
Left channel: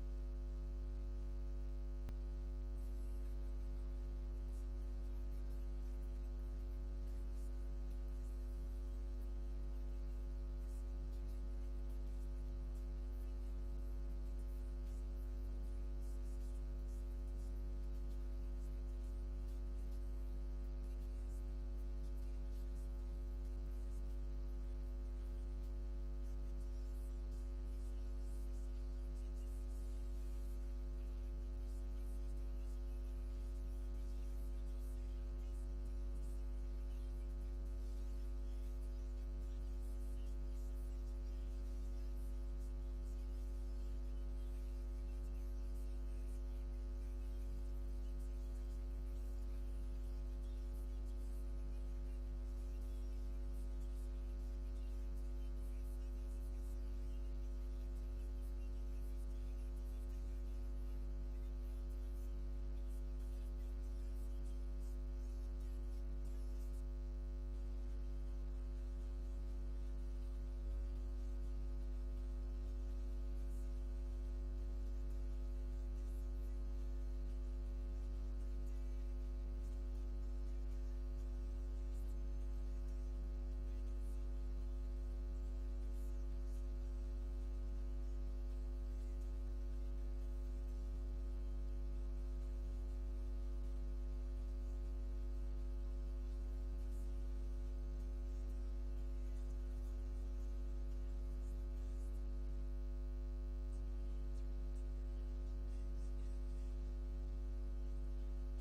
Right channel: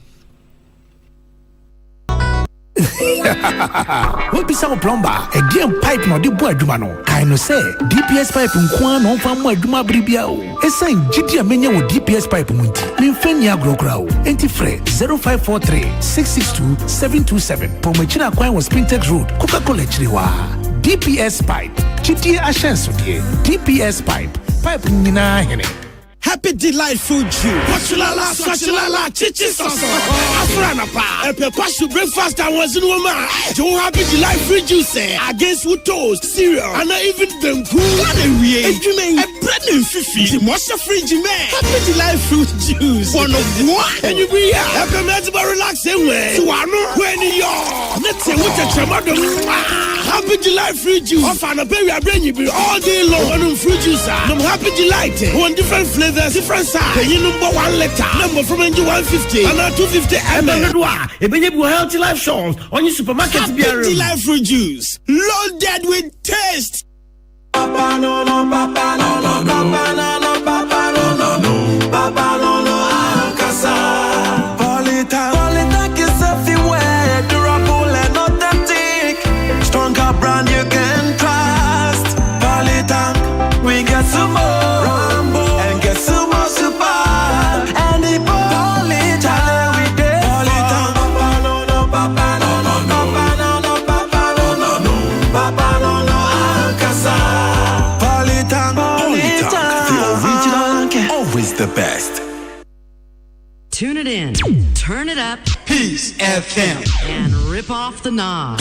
What be some plumber? A game pipe no di boy dumano. I know say DPS pipe nkwa no fa mo aduma bribia o. Esan gidi amenya wo DPS pipe munti. Me mfanya agrokra o. Enti fre 0543 662 727. Pomachina kwan was Spintex Road, Coca-Cola chiriwa. DPS pipe. Gidi ashenso die. DPS pipe. Pipe nina hene. Happy delightful June. Swashilala, chichi soso. Afranapa, a pepper breakfast and was in woman. Don't happy July free juice against with toast, cereal, and even them cool. A bread and fifi, the monster fridge man. Happy July fruit juice. One of what? And you be happy to relax anyway. So I know when you're. Let's say what a chamado. Happy July free juice. Off and a baby, I bring you all day long. On fruit juice. I'm happy July. One different flavors, different size. You number 1 letter. Number from NG 150 and 250 ml. If you have healthy life shows on your supermarket, happy life fruit juice. Loaded with taste. Papa no no, papa no no, papa no no, papa no no, no, papa no no, Alcasa. Polita is everywhere, durable and authentic. Stronger brand you can trust. Polita, we get some more Rambo and get some more super. And the Polita, we did. Polita, papa no no, papa no no, papa no no, papa no no, no, papa no no, Alcasa. The best. Tune it in, turn it up, Peace FM, and rip off the knob.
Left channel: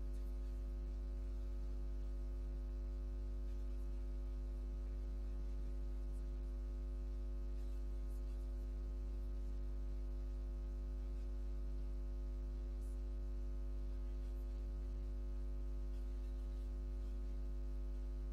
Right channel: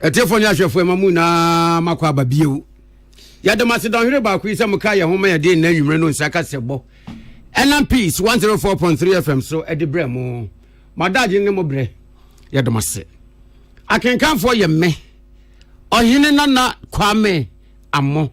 Telephone for Mamuna Makwa Babio. Yadamasi don't hear about Chris Mukaya, whom I did name you Reno Sakasebo. And Peace 104.3 FM, so at the Bremo. My dad in Mobre. Yadamasi. I can come for you, me. Or Hinana Kwame Amo.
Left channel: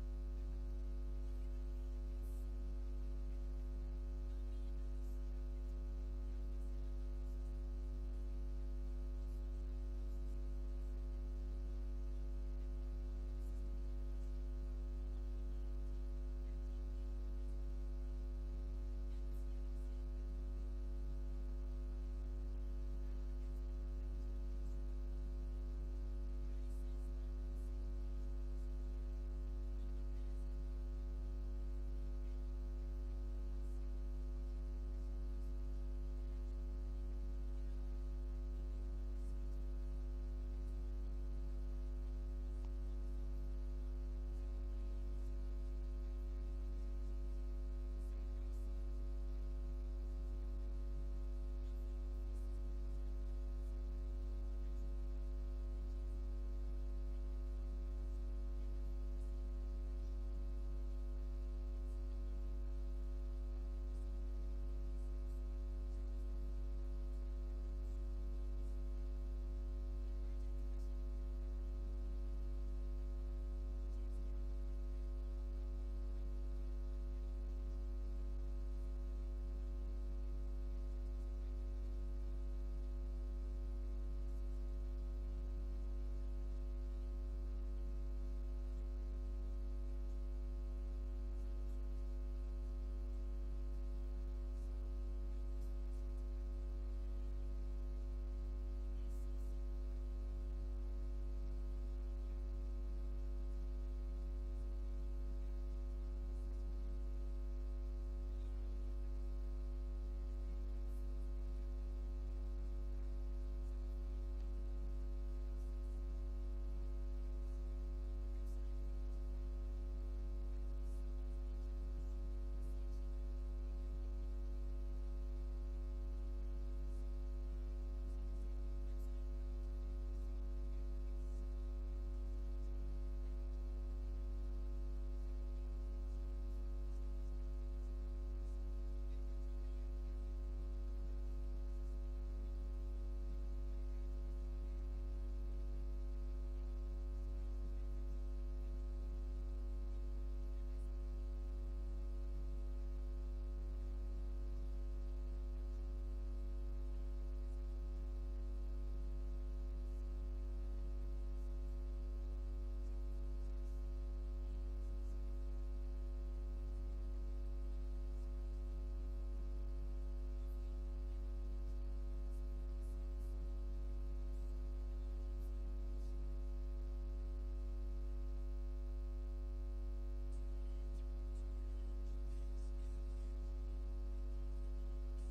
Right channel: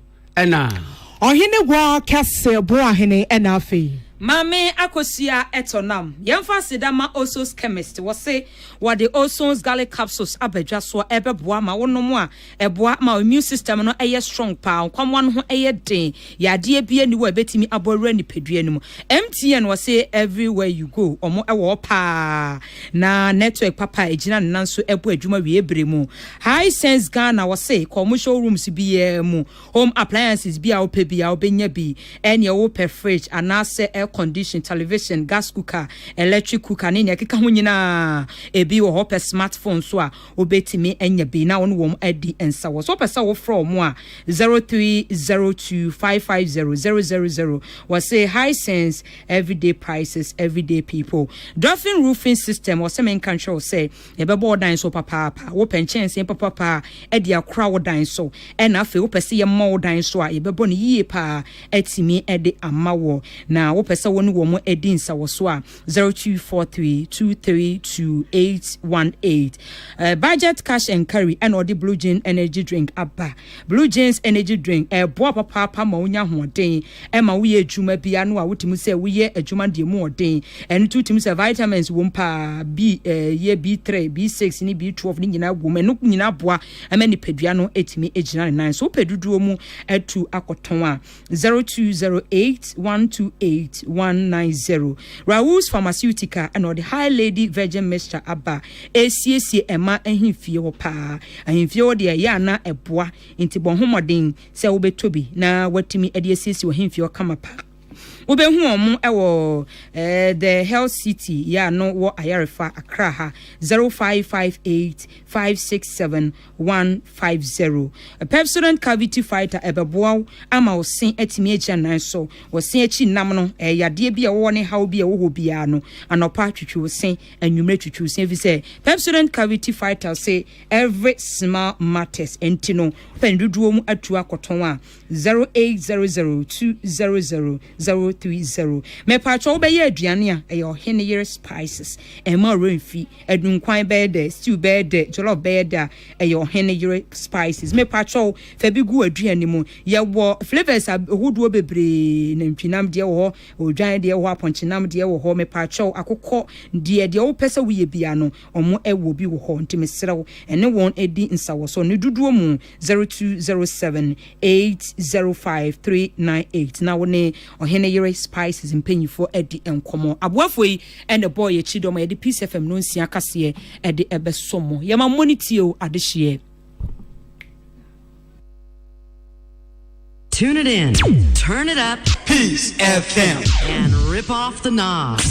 Ohine wa kase bo ahene enafi. Mame akosia etonam. Yemfa sidama Oso's chemist was say what the Oso's garlic capsules abedwa so ebeboa ma wonom a eboa ma immune system no eye strong pa kwamwan ho eye den yade bia ni wo betimi abowra ni pedua num. MTN was say everywhere you go omo ewo pa na network papa ejina nanso ebo adwuma wie ebremu. High Sense Ghana was say komo showrooms bia mu home appliances bia wo pe bia wo benya bi ene wo per fridge anase condition television gas cooker electric cooker ne nya keka ho nyina ebi wo hopper smartphone so a obetimi enya bi na won wom adi ensa wo so pesa wo from a 0302550000 was say High Sense everyday prices everyday people. Dolphin roofing system was men control say e be board dan so papa wo penchen sen papa e dia kra wo dan so e na afi wo pese ye mo dan so a e be bo ne yie pa etimi e de amawo na wo pese woni wo mo edin sa wo so a 0243232818 budget cash and carry and or the Blue Jeans energy drink abba. Blue Jeans energy drink boa papa ma wonya hoden e ma wo ye adwuma bia no a wotimu se wo ye adwuma de mu hoden en tutim se vitamins wo mpa b ye B3 B6 ni B12 ni nyina wo me no nyina boa ama ni pedua no etimi ejina nan so peduduo mu atu akoton a 0208128190 Raoul's Pharmaceutica and or the High Lady Virgin Mixture abba ACC Emma ehimfie wo pa ehimfie wo de ya na eboa nti bon homoden se wo betobi na watimi ade ACC wo ehimfie wo kama pa Ubehu omu ewo the Health City ya no wo Ayarefa Accra ha 0558567150 a Pepsodent cavity fighter ebeboa ama osin etimi egia nan so wosin echi nam no yade bia wo ne haw bia wo bia no anopa twetwe osin anwumre twetwe osin fi say Pepsodent cavity fighter say every small matters entino penduduo mu atu akoton a 0800200030 me pacho be ye aduane a eyo hene yere spices e ma renfi adunkwan be de stew be de jollof be de eyo hene yere spices me pacho fa bi gu aduane mu ye wo flavors ahoduo bebre na ntwinam de wo odwan de wo aponchinam de wo ho me pacho akokọ de wo pese wo ye bia no omo ewo bi wo ho ntime serew ene won edi nsawo so ne duduo mu 0207805398 na woni ohene yere spices mpanyifo edi enkomo aboafo yi and the boy chidom edi Peace FM no nsia kase edi ebesomo yema monitio adehye. Tune it in, turn it up, Peace FM, and rip off the knob.